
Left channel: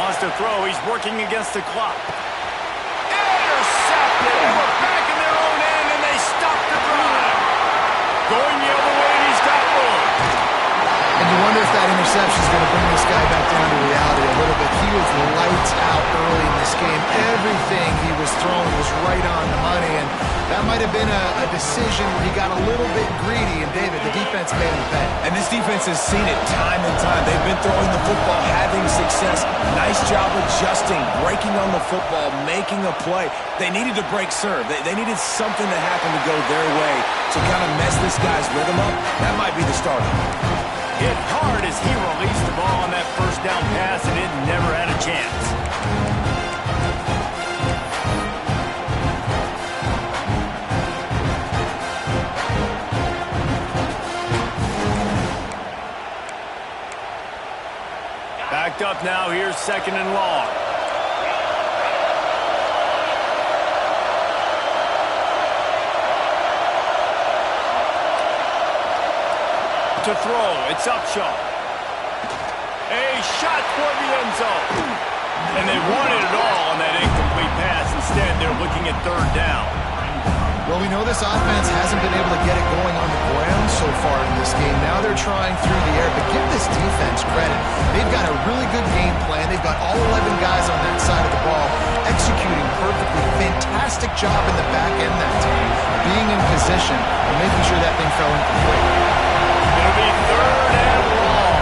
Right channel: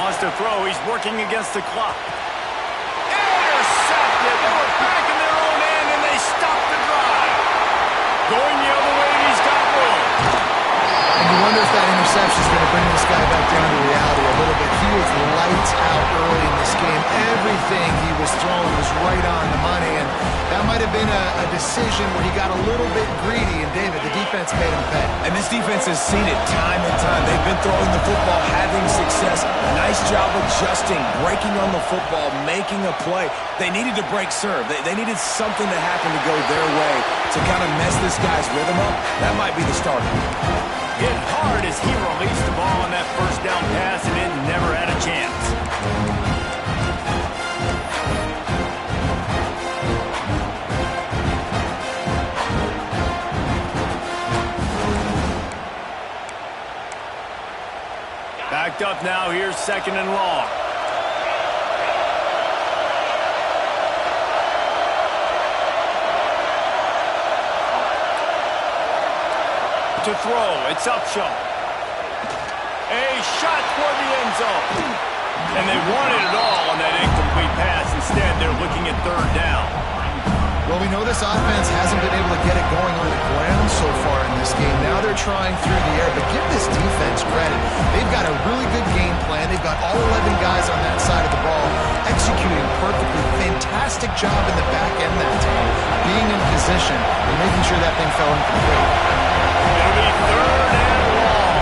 Wants to throw. He's working against the clock. Intercepted. They were back in their own end, and they stopped the drive. Going the other way, and he's got room. And you wonder if that interception is going to bring this guy back down to reality a little bit. He was lights out early in this game. Everything he was throwing was right on the money, and that might have been a decision where he got a little bit greedy, and David, the defense made him pay. And this defense has seen it time and time. They've been throwing the football, having success. Nice job adjusting, breaking on the football, making a play. They needed to break serve. They needed something to happen to go their way to kind of mess this guy's rhythm up. That might be the starter. Hit hard as he released the ball on that first down pass, and it never had a chance. Backed up now. Here's 2nd and long. To throw, it's Upshaw. A shot toward the end zone. And they wanted it all on that incomplete pass. Instead, they're looking at 3rd down. Well, we know this offense hasn't been able to get it going on the ground so far in this game. Now they're trying through the air, but give this defense credit. They've got a really good game plan. They've got all 11 guys on that side of the ball executing perfectly. Fantastic job in the back end that time, being in position and making sure that thing fell incomplete. It'll be 3rd and long.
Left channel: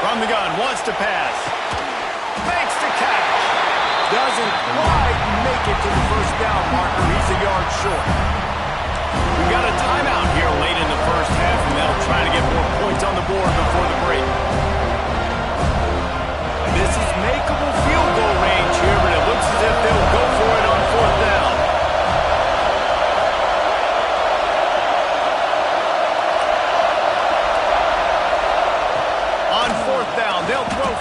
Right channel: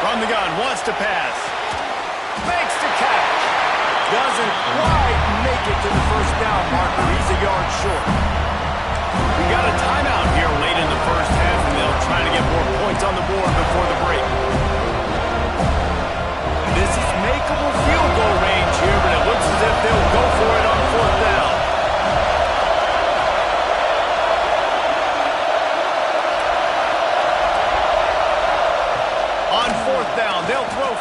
From the gun, wants to pass. Makes the catch. Doesn't quite make it to the first down marker. He's a yard short. We got a timeout here late in the first half, and they'll try to get more points on the board before the break. This is makeable field goal range here, but it looks as if they'll go for it on 4th down.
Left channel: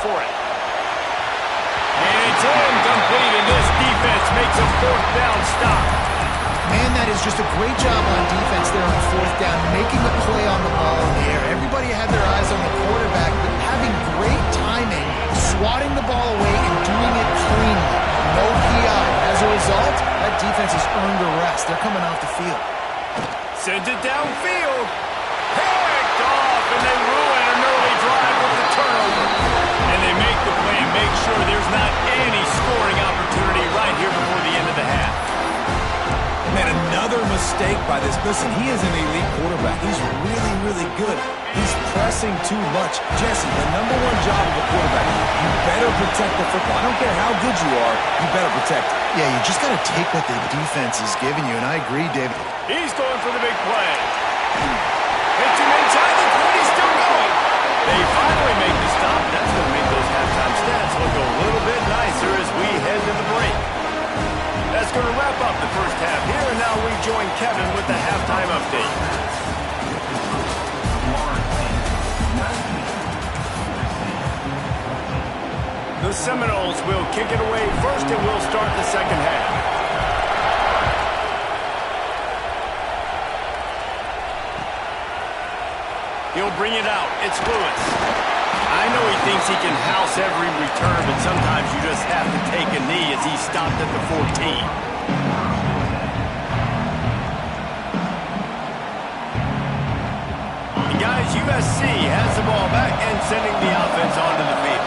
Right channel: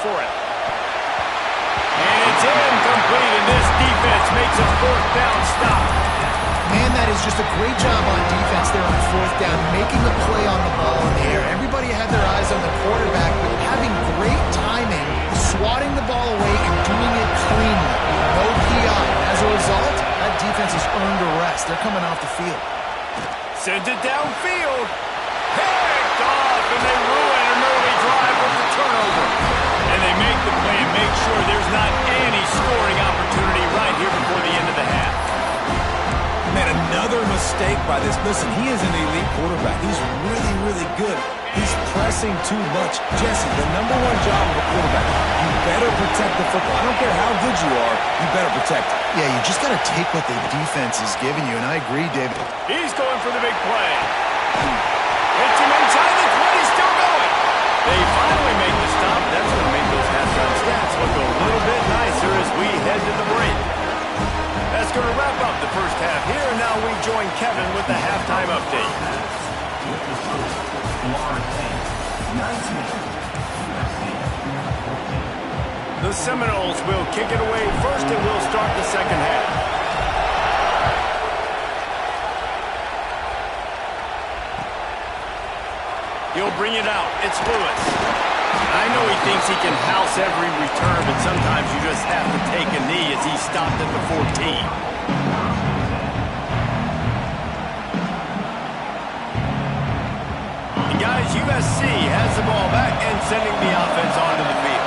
for it. And it's incomplete, and this defense makes a fourth down stop. Man, that is just a great job on defense there on fourth down, making a play on the ball in the air. Everybody had their eyes on the quarterback, but having great timing, swatting the ball away and doing it cleanly. No PI. As a result, that defense has earned a rest. They're coming off the field. Sends it downfield. Picked off, and they ruin an early drive with the turnover. And they make the play and make sure there's not any scoring opportunity right here before the end of the half. Man, another mistake by this. Listen, he is an elite quarterback. He's really, really good. He's pressing too much. Jesse, the number one job of a quarterback, you better protect the football. I don't care how good you are, you better protect it. Yeah, you just got to take what the defense is giving you, and I agree, David. He's going for the big play. Hits him inside the 20, still going. They finally make the stop. That's going to make those halftime stats look a little bit nicer as we head to the break. That's going to wrap up the first half here, and now we join Kevin with the halftime update. The Seminoles will kick it away first, and we'll start the second half. He'll bring it out. It's Lewis. I know he thinks he can house every return, but sometimes you just have to take a knee as he stopped at the 14. And guys, USC has the ball back and sending the offense onto the field.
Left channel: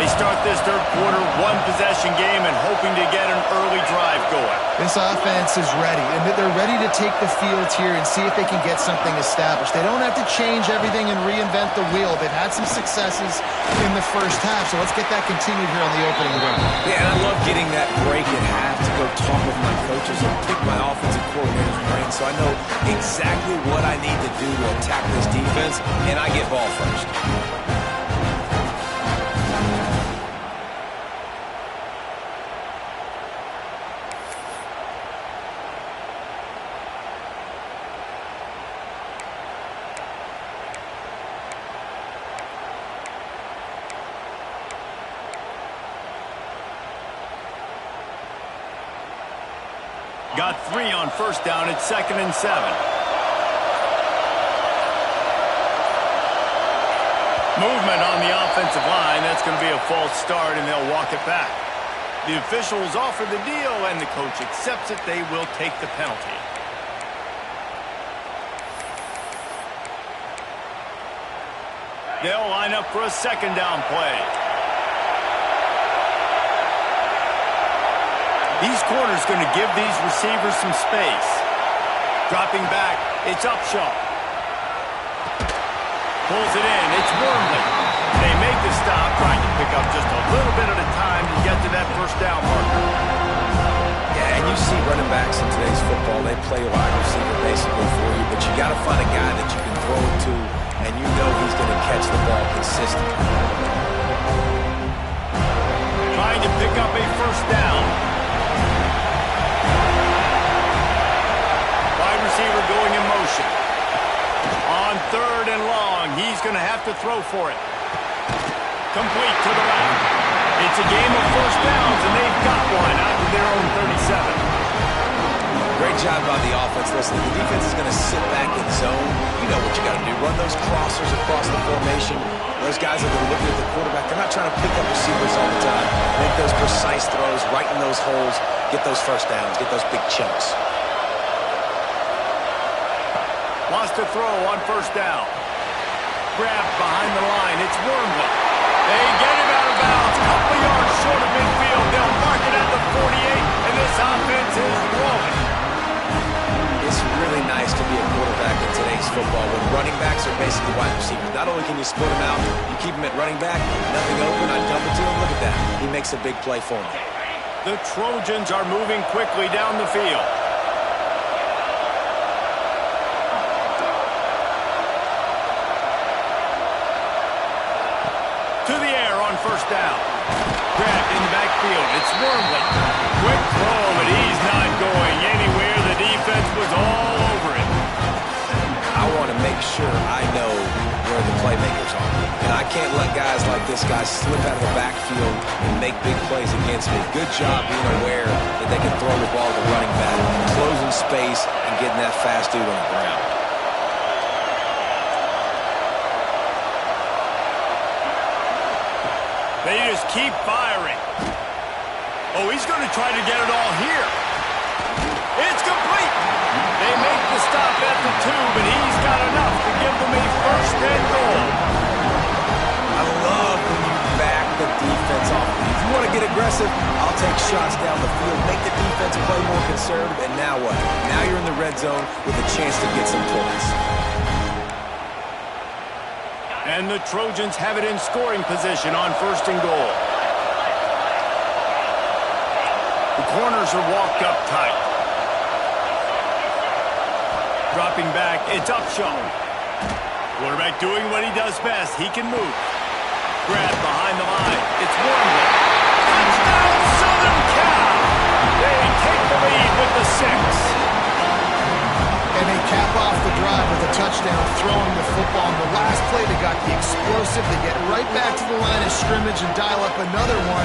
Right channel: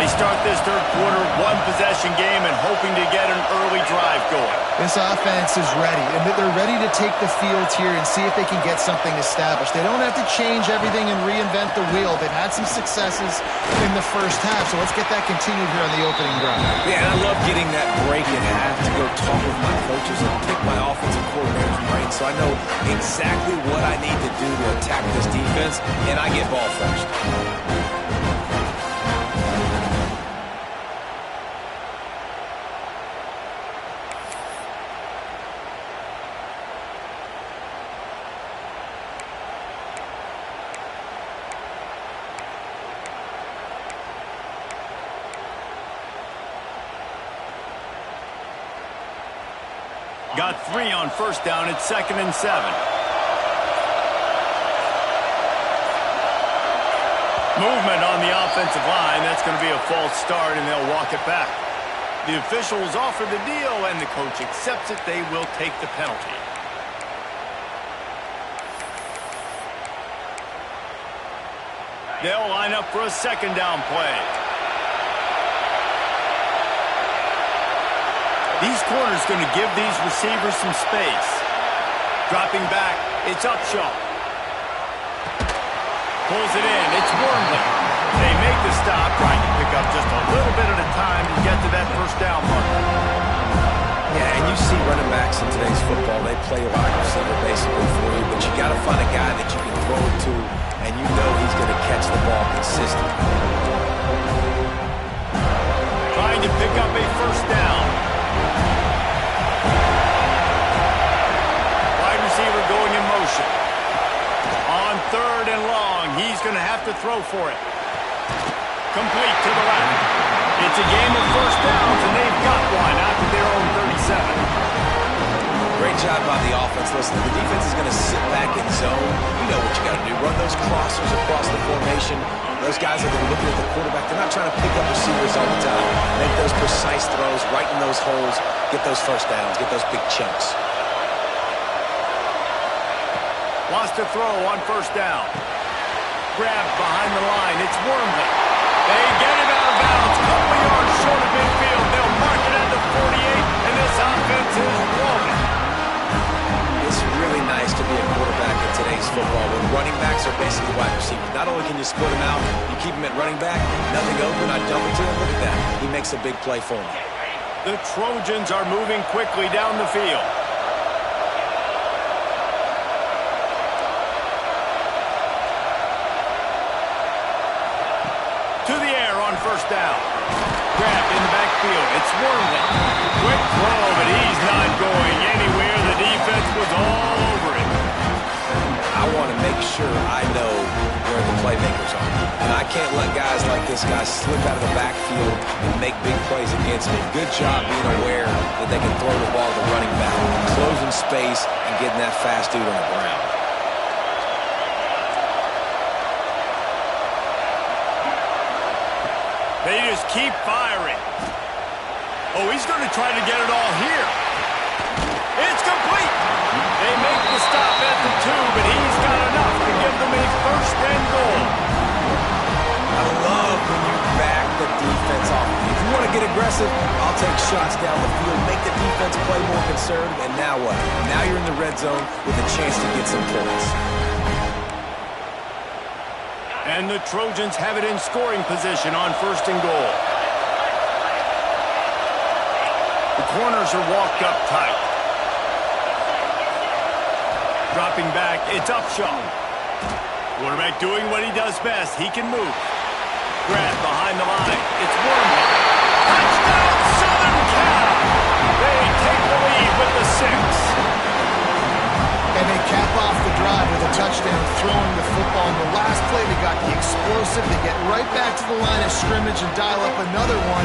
They start this third quarter one-possession game and hoping to get an early drive going. This offense is ready, and they're ready to take the field here and see if they can get something established. They don't have to change everything and reinvent the wheel. They've had some successes in the first half, so let's get that continued here on the opening drive. Yeah, and I love getting that break at half to go talk with my coaches and pick my offensive coordinator's brain so I know exactly what I need to do to attack this defense, and I get ball first. Got 3 on first down. It's 2nd and 7. Movement on the offensive line. That's going to be a false start, and they'll walk it back. The officials offer the deal, and the coach accepts it. They will take the penalty. They'll line up for a second down play. These corners going to give these receivers some space. Dropping back, it's Upshaw. Pulls it in, it's Wormley. They make the stop, trying to pick up just a little bit at a time to get to that first down marker. Yeah, and you see running backs in today's football, they play wide receiver basically for you, but you got to find a guy that you can throw it to, and you know he's going to catch the ball consistently. Trying to pick up a first down. Wide receiver going in motion. On 3rd and long, he's going to have to throw for it. Complete to the left. It's a game of first downs, and they've got one out to their own 37. Great job by the offense. Listen, the defense is going to sit back in zone. You know what you got to do. Run those crossers across the formation. Those guys are going to look at the quarterback. They're not trying to pick up receivers all the time. Make those precise throws, right in those holes, get those first downs, get those big chunks. Wants to throw on first down. Grabbed behind the line. It's Wormley. They get him out of bounds. Couple yards short of midfield. They'll mark it at the 48, and this offense is rolling. It's really nice to be a quarterback in today's football when running backs are basically wide receivers. Not only can you split them out, you keep them at running back, nothing open, I dump it to him. Look at that. He makes a big play for him. The Trojans are moving quickly down the field. To the air on first down. Grabbed in the backfield. It's Wormley. Quick throw, but he's not going anywhere. The defense was all over it. I want to make sure I know where where the playmakers are. And I can't let guys like this guy slip out of the backfield and make big plays against me. Good job being aware that they can throw the ball to the running back, closing space, and getting that fast dude on the ground. They just keep firing. Oh, he's going to try to get it all here. It's complete. They make the stop at the 2, but he's got enough to give them a first and goal. I love when you back the defense off. If you want to get aggressive, I'll take shots down the field, make the defense play more conservative, and now what? Now you're in the red zone with a chance to get some points. And the Trojans have it in scoring position on first and goal. The corners are walked up tight. Dropping back, it's Upshaw. Quarterback doing what he does best. He can move. Grab behind the line. It's Wormley. Touchdown, Southern Cal! They take the lead with the 6. And they cap off the drive with a touchdown throwing the football. In the last play, they got the explosive. They get right back to the line of scrimmage and dial up another one.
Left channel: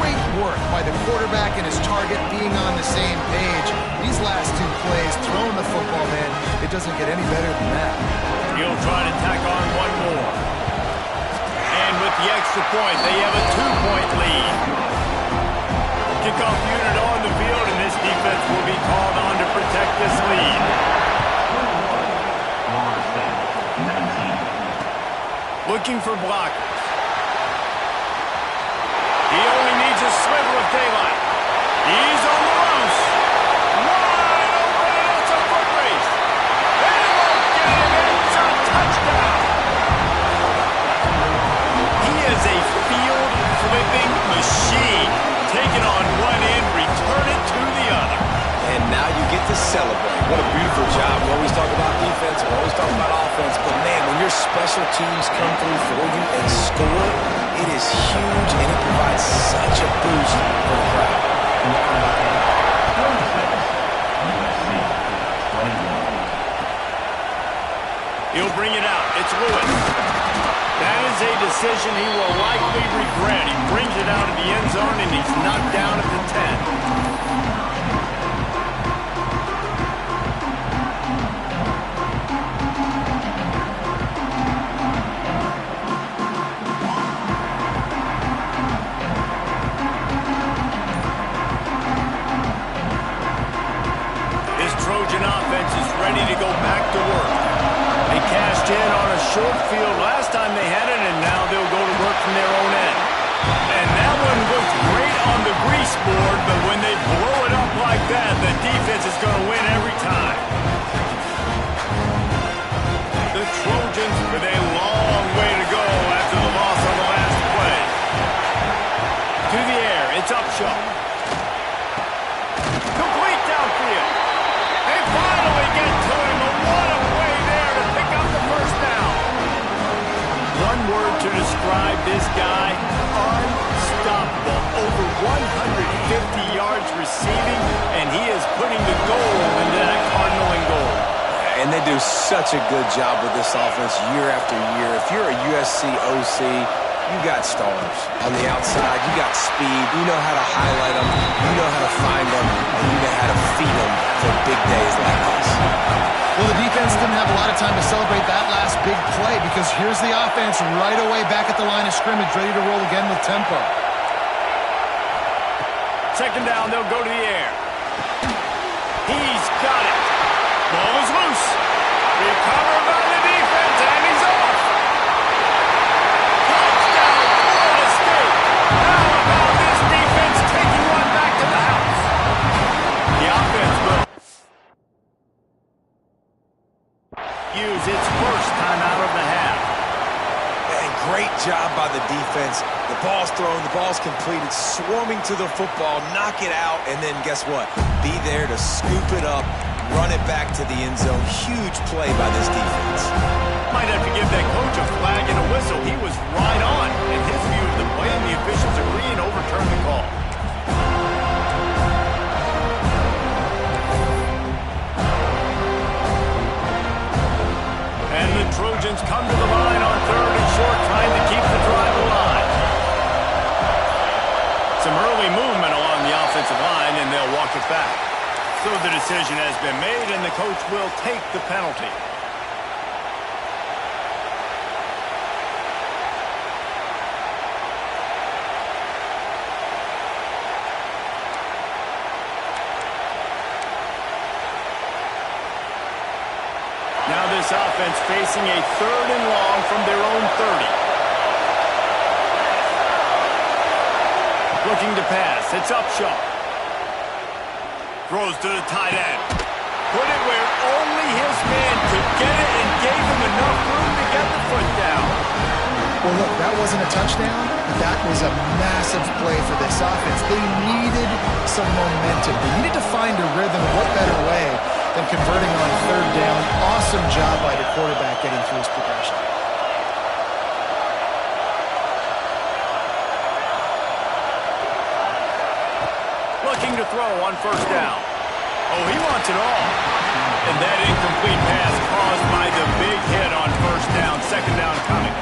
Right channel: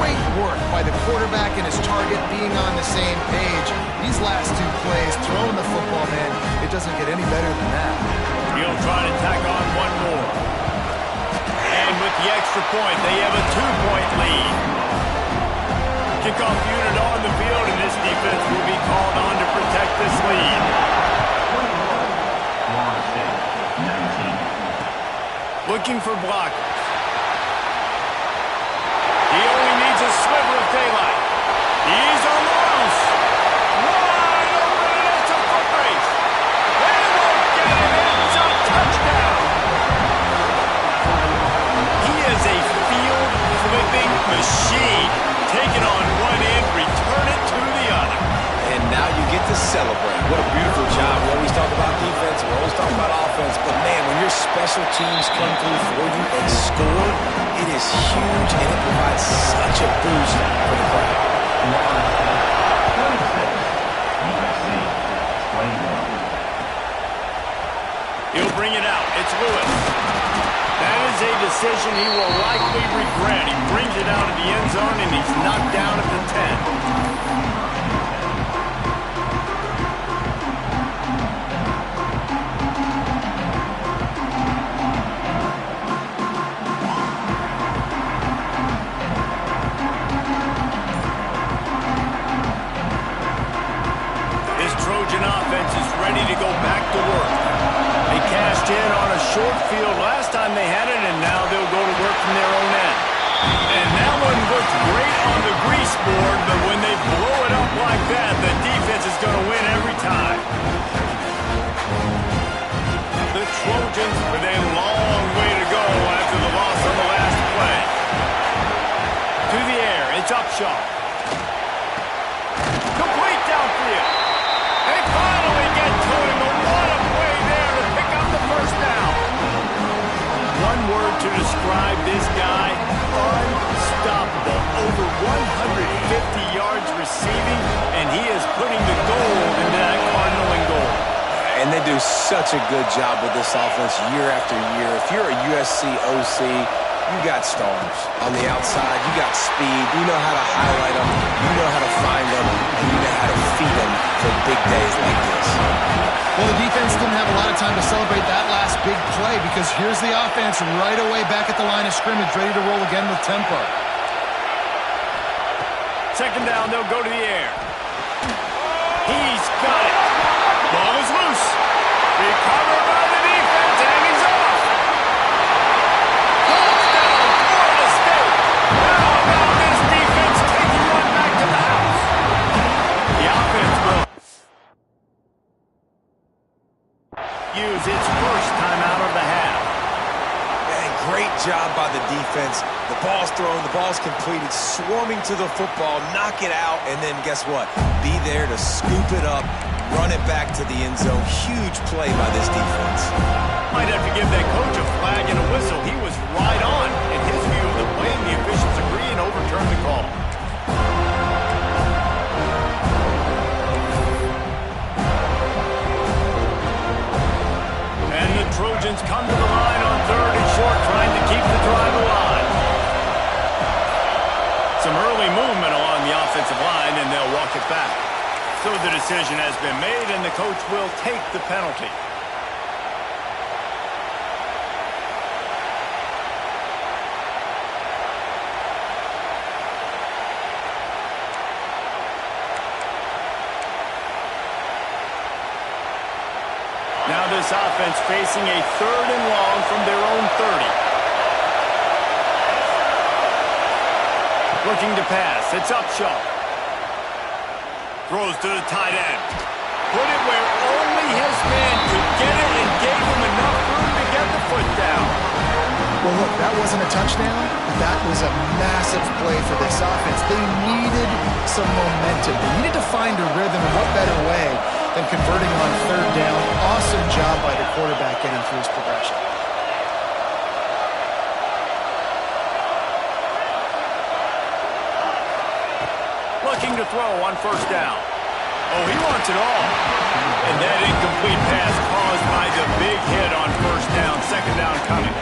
Great work by the quarterback and his target being on the same page. These last 2 plays, throwing the football, man, it doesn't get any better than that. He'll try to tack on one more. And with the extra point, they have a 2-point lead. Kickoff unit on the field, and this defense will be called on to protect this lead. 21, Florida State, 19. Looking for blockers. He only needs a sliver of daylight. He's on the loose. Wide open, and it's a foot race. They won't get him. It's a touchdown. He is a field-flipping machine. Take it on one end, return it to the other. And now you get to celebrate. What a beautiful job. We always talk about defense, we always talk about offense, but man, when your special teams come through for you and score, it is huge, and it provides such a boost for the crowd. Florida State, 26. USC, 21. He'll bring it out. It's Lewis. That is a decision he will likely regret. He brings it out of the end zone, and he's knocked down at the 10. This Trojan offense is ready to go back to work. They cashed in on a short field last time they had it, and now they'll go to work from their own end. And that one looks great on the grease board, but when they blow it up like that, the defense is going to win every time. The Trojans with a long way to go after the loss on the last play. To the air, it's Upshaw. Complete downfield. They finally get to him, but what a play there to pick up the first down. One word to describe this guy: unstoppable. Over 150 yards receiving, and he is putting the gold into that Cardinal and gold. And they do such a good job with this offense year after year. If you're a USC OC, you got stars. On the outside, you got speed. You know how to highlight them. You know how to find them. And you know how to feed them for big days like this. Well, the defense didn't have a lot of time to celebrate that last big play because here's the offense right away back at the line of scrimmage, ready to roll again with tempo. Second down, they'll go to the air. He's got it. Ball is loose. Recovered by the defense, and he's off. Touchdown, Florida State. How about this defense taking one back to the house? The offense will use its first timeout of the half. Man, great job by the defense. The ball's thrown, the ball's completed, swarming to the football, knock it out, and then guess what? Be there to scoop it up, run it back to the end zone. Huge play by this defense. Might have to give that coach a flag and a whistle. He was right on in his view of the play, and the officials agree and overturn the call. And And the Trojans come to the line on 3rd and short, trying to keep the drive alive. Some early movement along the offensive line, and they'll walk it back. So the decision has been made, and the coach will take the penalty. Now this offense facing a 3rd and long from their own 30. Looking to pass. It's Upshaw. Throws to the tight end. Put it where only his man could get it and gave him enough room to get the foot down. Well, look, that wasn't a touchdown, but that was a massive play for this offense. They needed some momentum. They needed to find a rhythm, and what better way than converting on 3rd down. Awesome job by the quarterback getting through his progression. Looking to throw on 1st down. Oh, he wants it all. And that incomplete pass caused by the big hit on 1st down. 2nd down coming.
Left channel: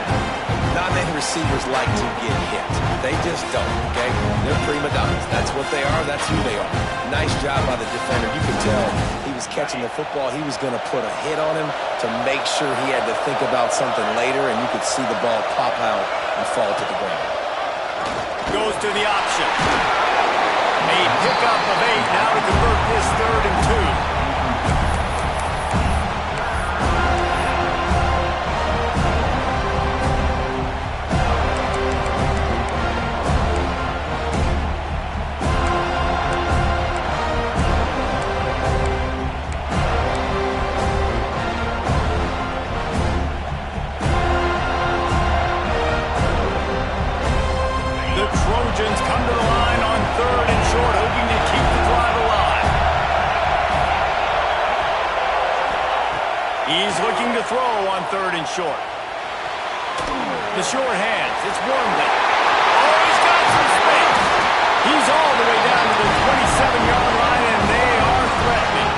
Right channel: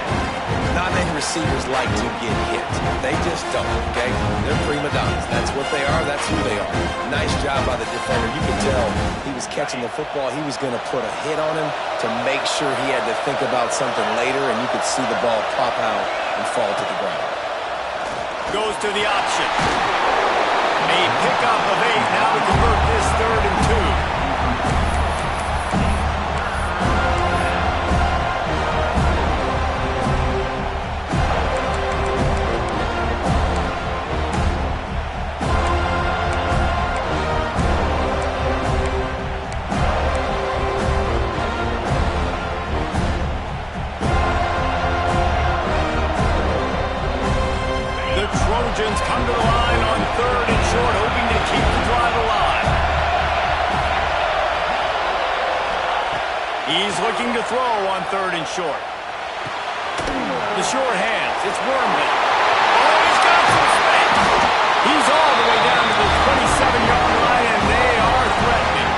Not many receivers like to get hit. They just don't, okay? They're prima donnas. That's what they are. That's who they are. Nice job by the defender. You could tell he was catching the football. He was going to put a hit on him to make sure he had to think about something later, and you could see the ball pop out and fall to the ground. Goes to the option. A pickup of 8 now to convert this 3rd and 2. Trojans come to the line on 3rd and short, hoping to keep the drive alive. He's looking to throw on 3rd and short. The short hands, it's Wormley. Oh, he's got some space. He's all the way down to the 27-yard line, and they are threatening.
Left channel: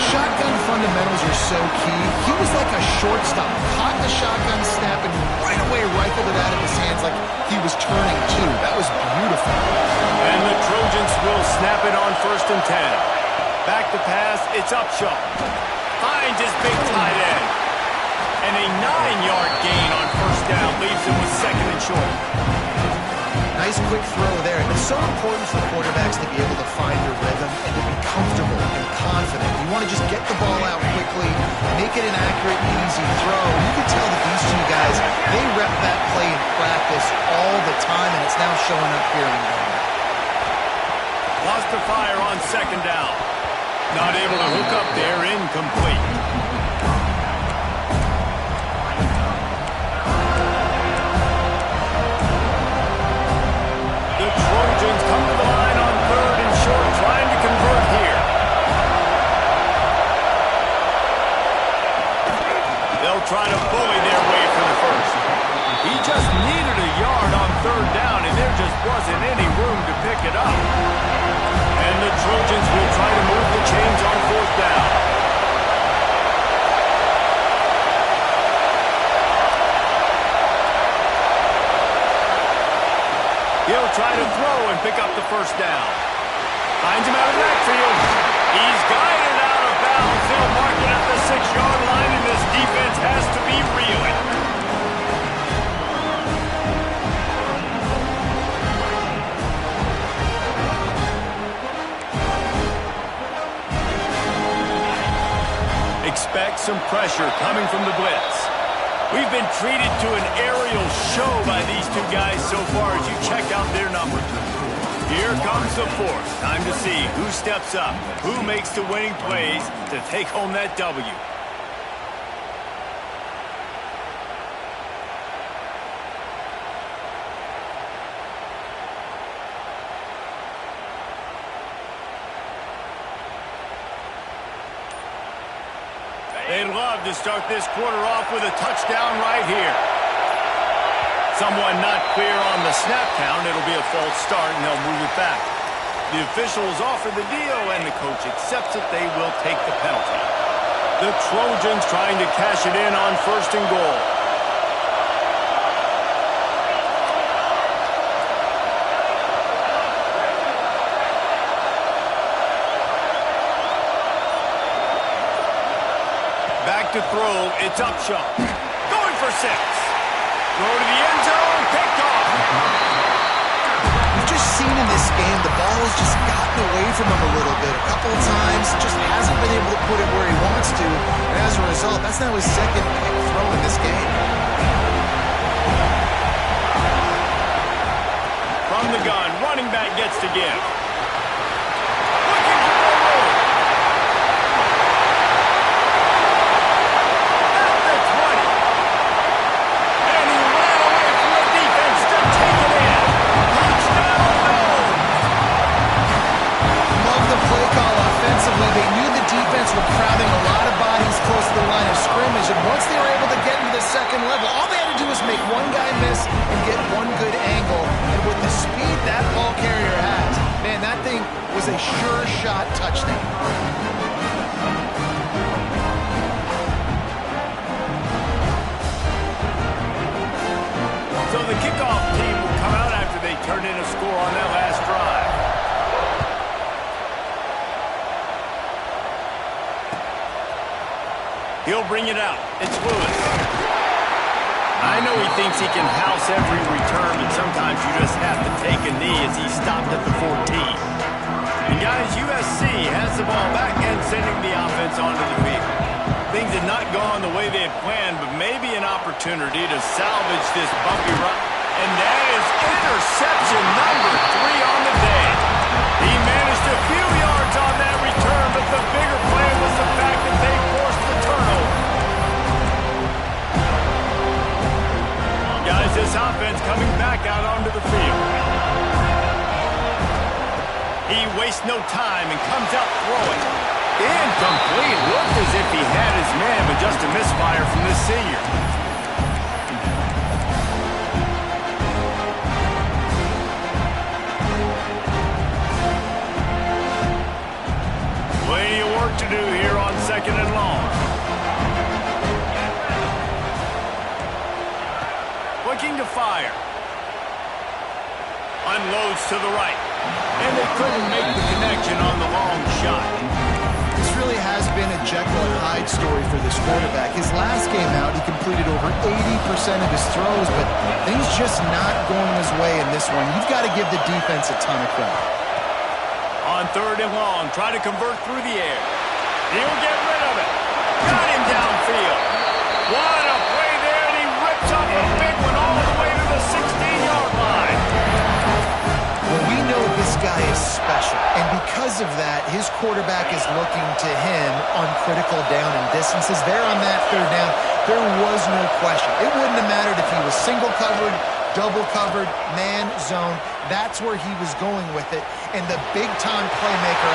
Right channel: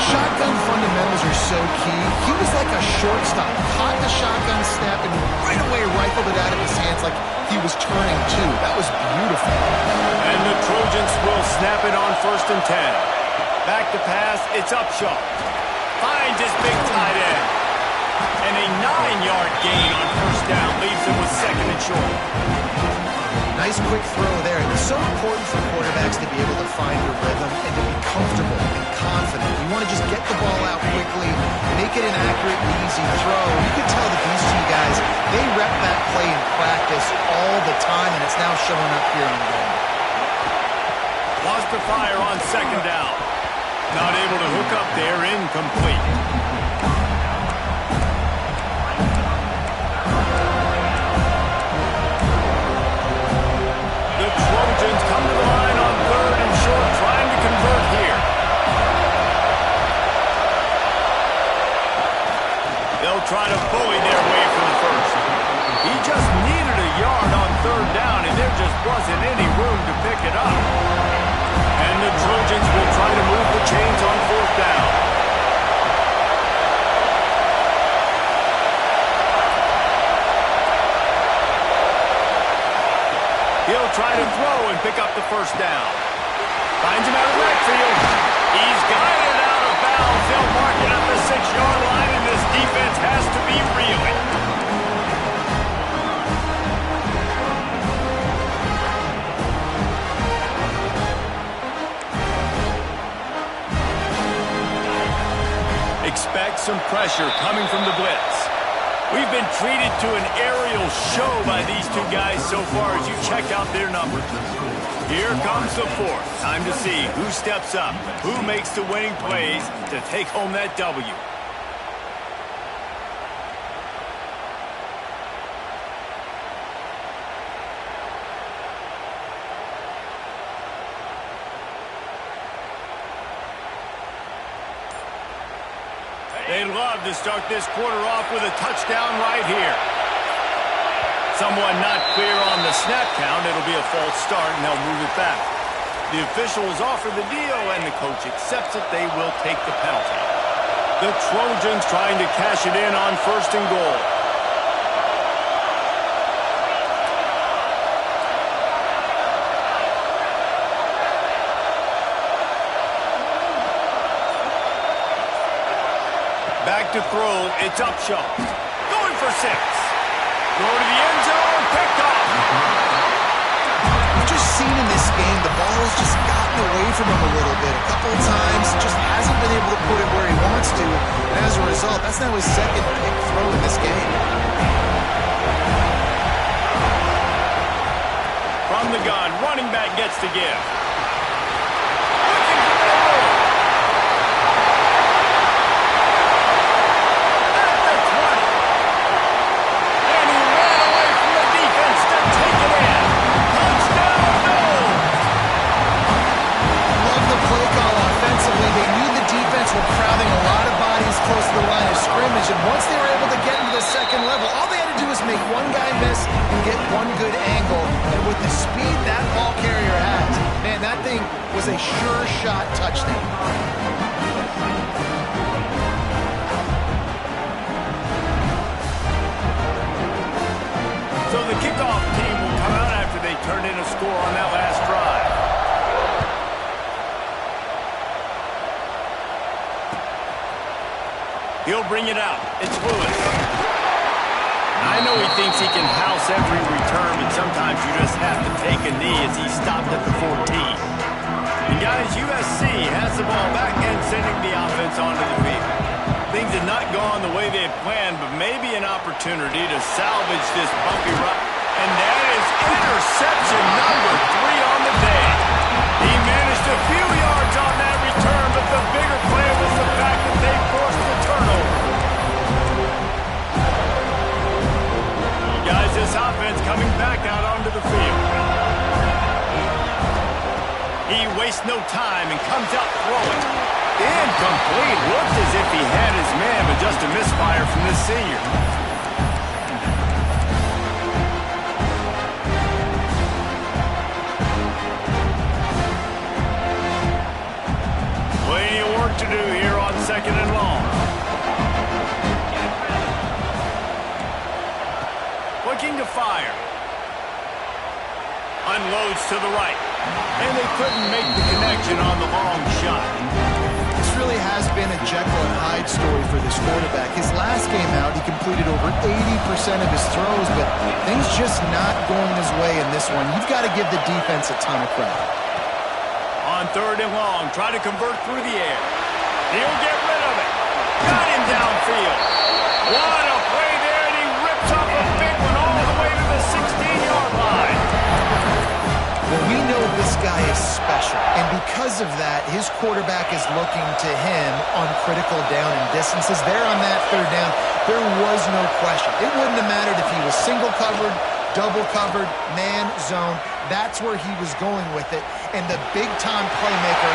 Shotgun fundamentals are so key. He was like a shortstop, caught the shotgun snap and right away rifled it out of his hands like he was turning 2. That was beautiful. And the Trojans will snap it on 1st and 10. Back to pass, it's Upshaw. Finds his big tight end. And a 9-yard gain on 1st down leaves him with 2nd and short. Nice quick throw there. And it's so important for quarterbacks to be able to find a rhythm and to be comfortable and confident. You want to just get the ball out quickly, make it an accurate and easy throw. You can tell that these two guys, they rep that play in practice all the time, and it's now showing up here in game. Lost to fire on 2nd down. Not able to hook up there, incomplete. The Trojans come to the line on 3rd and short, trying to convert here. They'll try to bully their way for the first. He just needed a yard on 3rd down, and there just wasn't any room to pick it up. And the Trojans will try to move the chains on 4th down. He'll try to throw and pick up the 1st down. Finds him out of the backfield. He's guided out of bounds. They'll mark it at the 6-yard line, and this defense has to be reeling. Expect some pressure coming from the blitz. We've been treated to an aerial show by these two guys so far as you check out their numbers. Here comes the 4th. Time to see who steps up, who makes the winning plays to take home that W. They'd love to start this quarter off with a touchdown right here. Someone not clear on the snap count. It'll be a false start, and they'll move it back. The officials offer the deal, and the coach accepts it. They will take the penalty. The Trojans trying to cash it in on 1st and goal. Back to throw. It's Upshaw. Going for 6. Throw to the end zone. Picked off. We've just seen in this game the ball has just gotten away from him a little bit. A couple of times, just hasn't been able to put it where he wants to. And as a result, that's now his 2nd pick throw in this game. From the gun, running back gets to give. Looking for more room. At the 20. And he ran away from the defense to take it in. Touchdown, no! Love the play call offensively. They knew the defense were crowding a lot of bodies close to the line of scrimmage, and once they were able to get into the 2nd level, all they had to do was make one guy miss and get one good angle. And with the speed that ball carrier has, man, that thing was a sure shot touchdown. So the kickoff team will come out after they turned in a score on that last drive. He'll bring it out. It's Lewis. I know he thinks he can house every return, but sometimes you just have to take a knee as he stopped at the 14. And guys, USC has the ball back and sending the offense onto the field. Things had not gone the way they had planned, but maybe an opportunity to salvage this bumpy run. And that is interception number 3 on the day. He managed a few yards on that return, but the bigger play was the fact that they forced the turnover. Guys, this offense coming back out onto the field. He wastes no time and comes out throwing. Incomplete. Looked as if he had his man, but just a misfire from this senior. Plenty of work to do here on 2nd and long. Looking to fire. Unloads to the right. And they couldn't make the connection on the long shot. This really has been a Jekyll and Hyde story for this quarterback. His last game out, he completed over 80% of his throws, but things just not going his way in this one. You've got to give the defense a ton of credit. On 3rd and long, try to convert through the air. He'll get rid of it. Got him downfield. What a play there, and he rips off a big one all the way to the 16-yard line. Well, we know this guy is special, and because of that, his quarterback is looking to him on critical down and distances. There on that 3rd down, there was no question. It wouldn't have mattered if he was single covered, double covered, man, zone. That's where he was going with it, and the big-time playmaker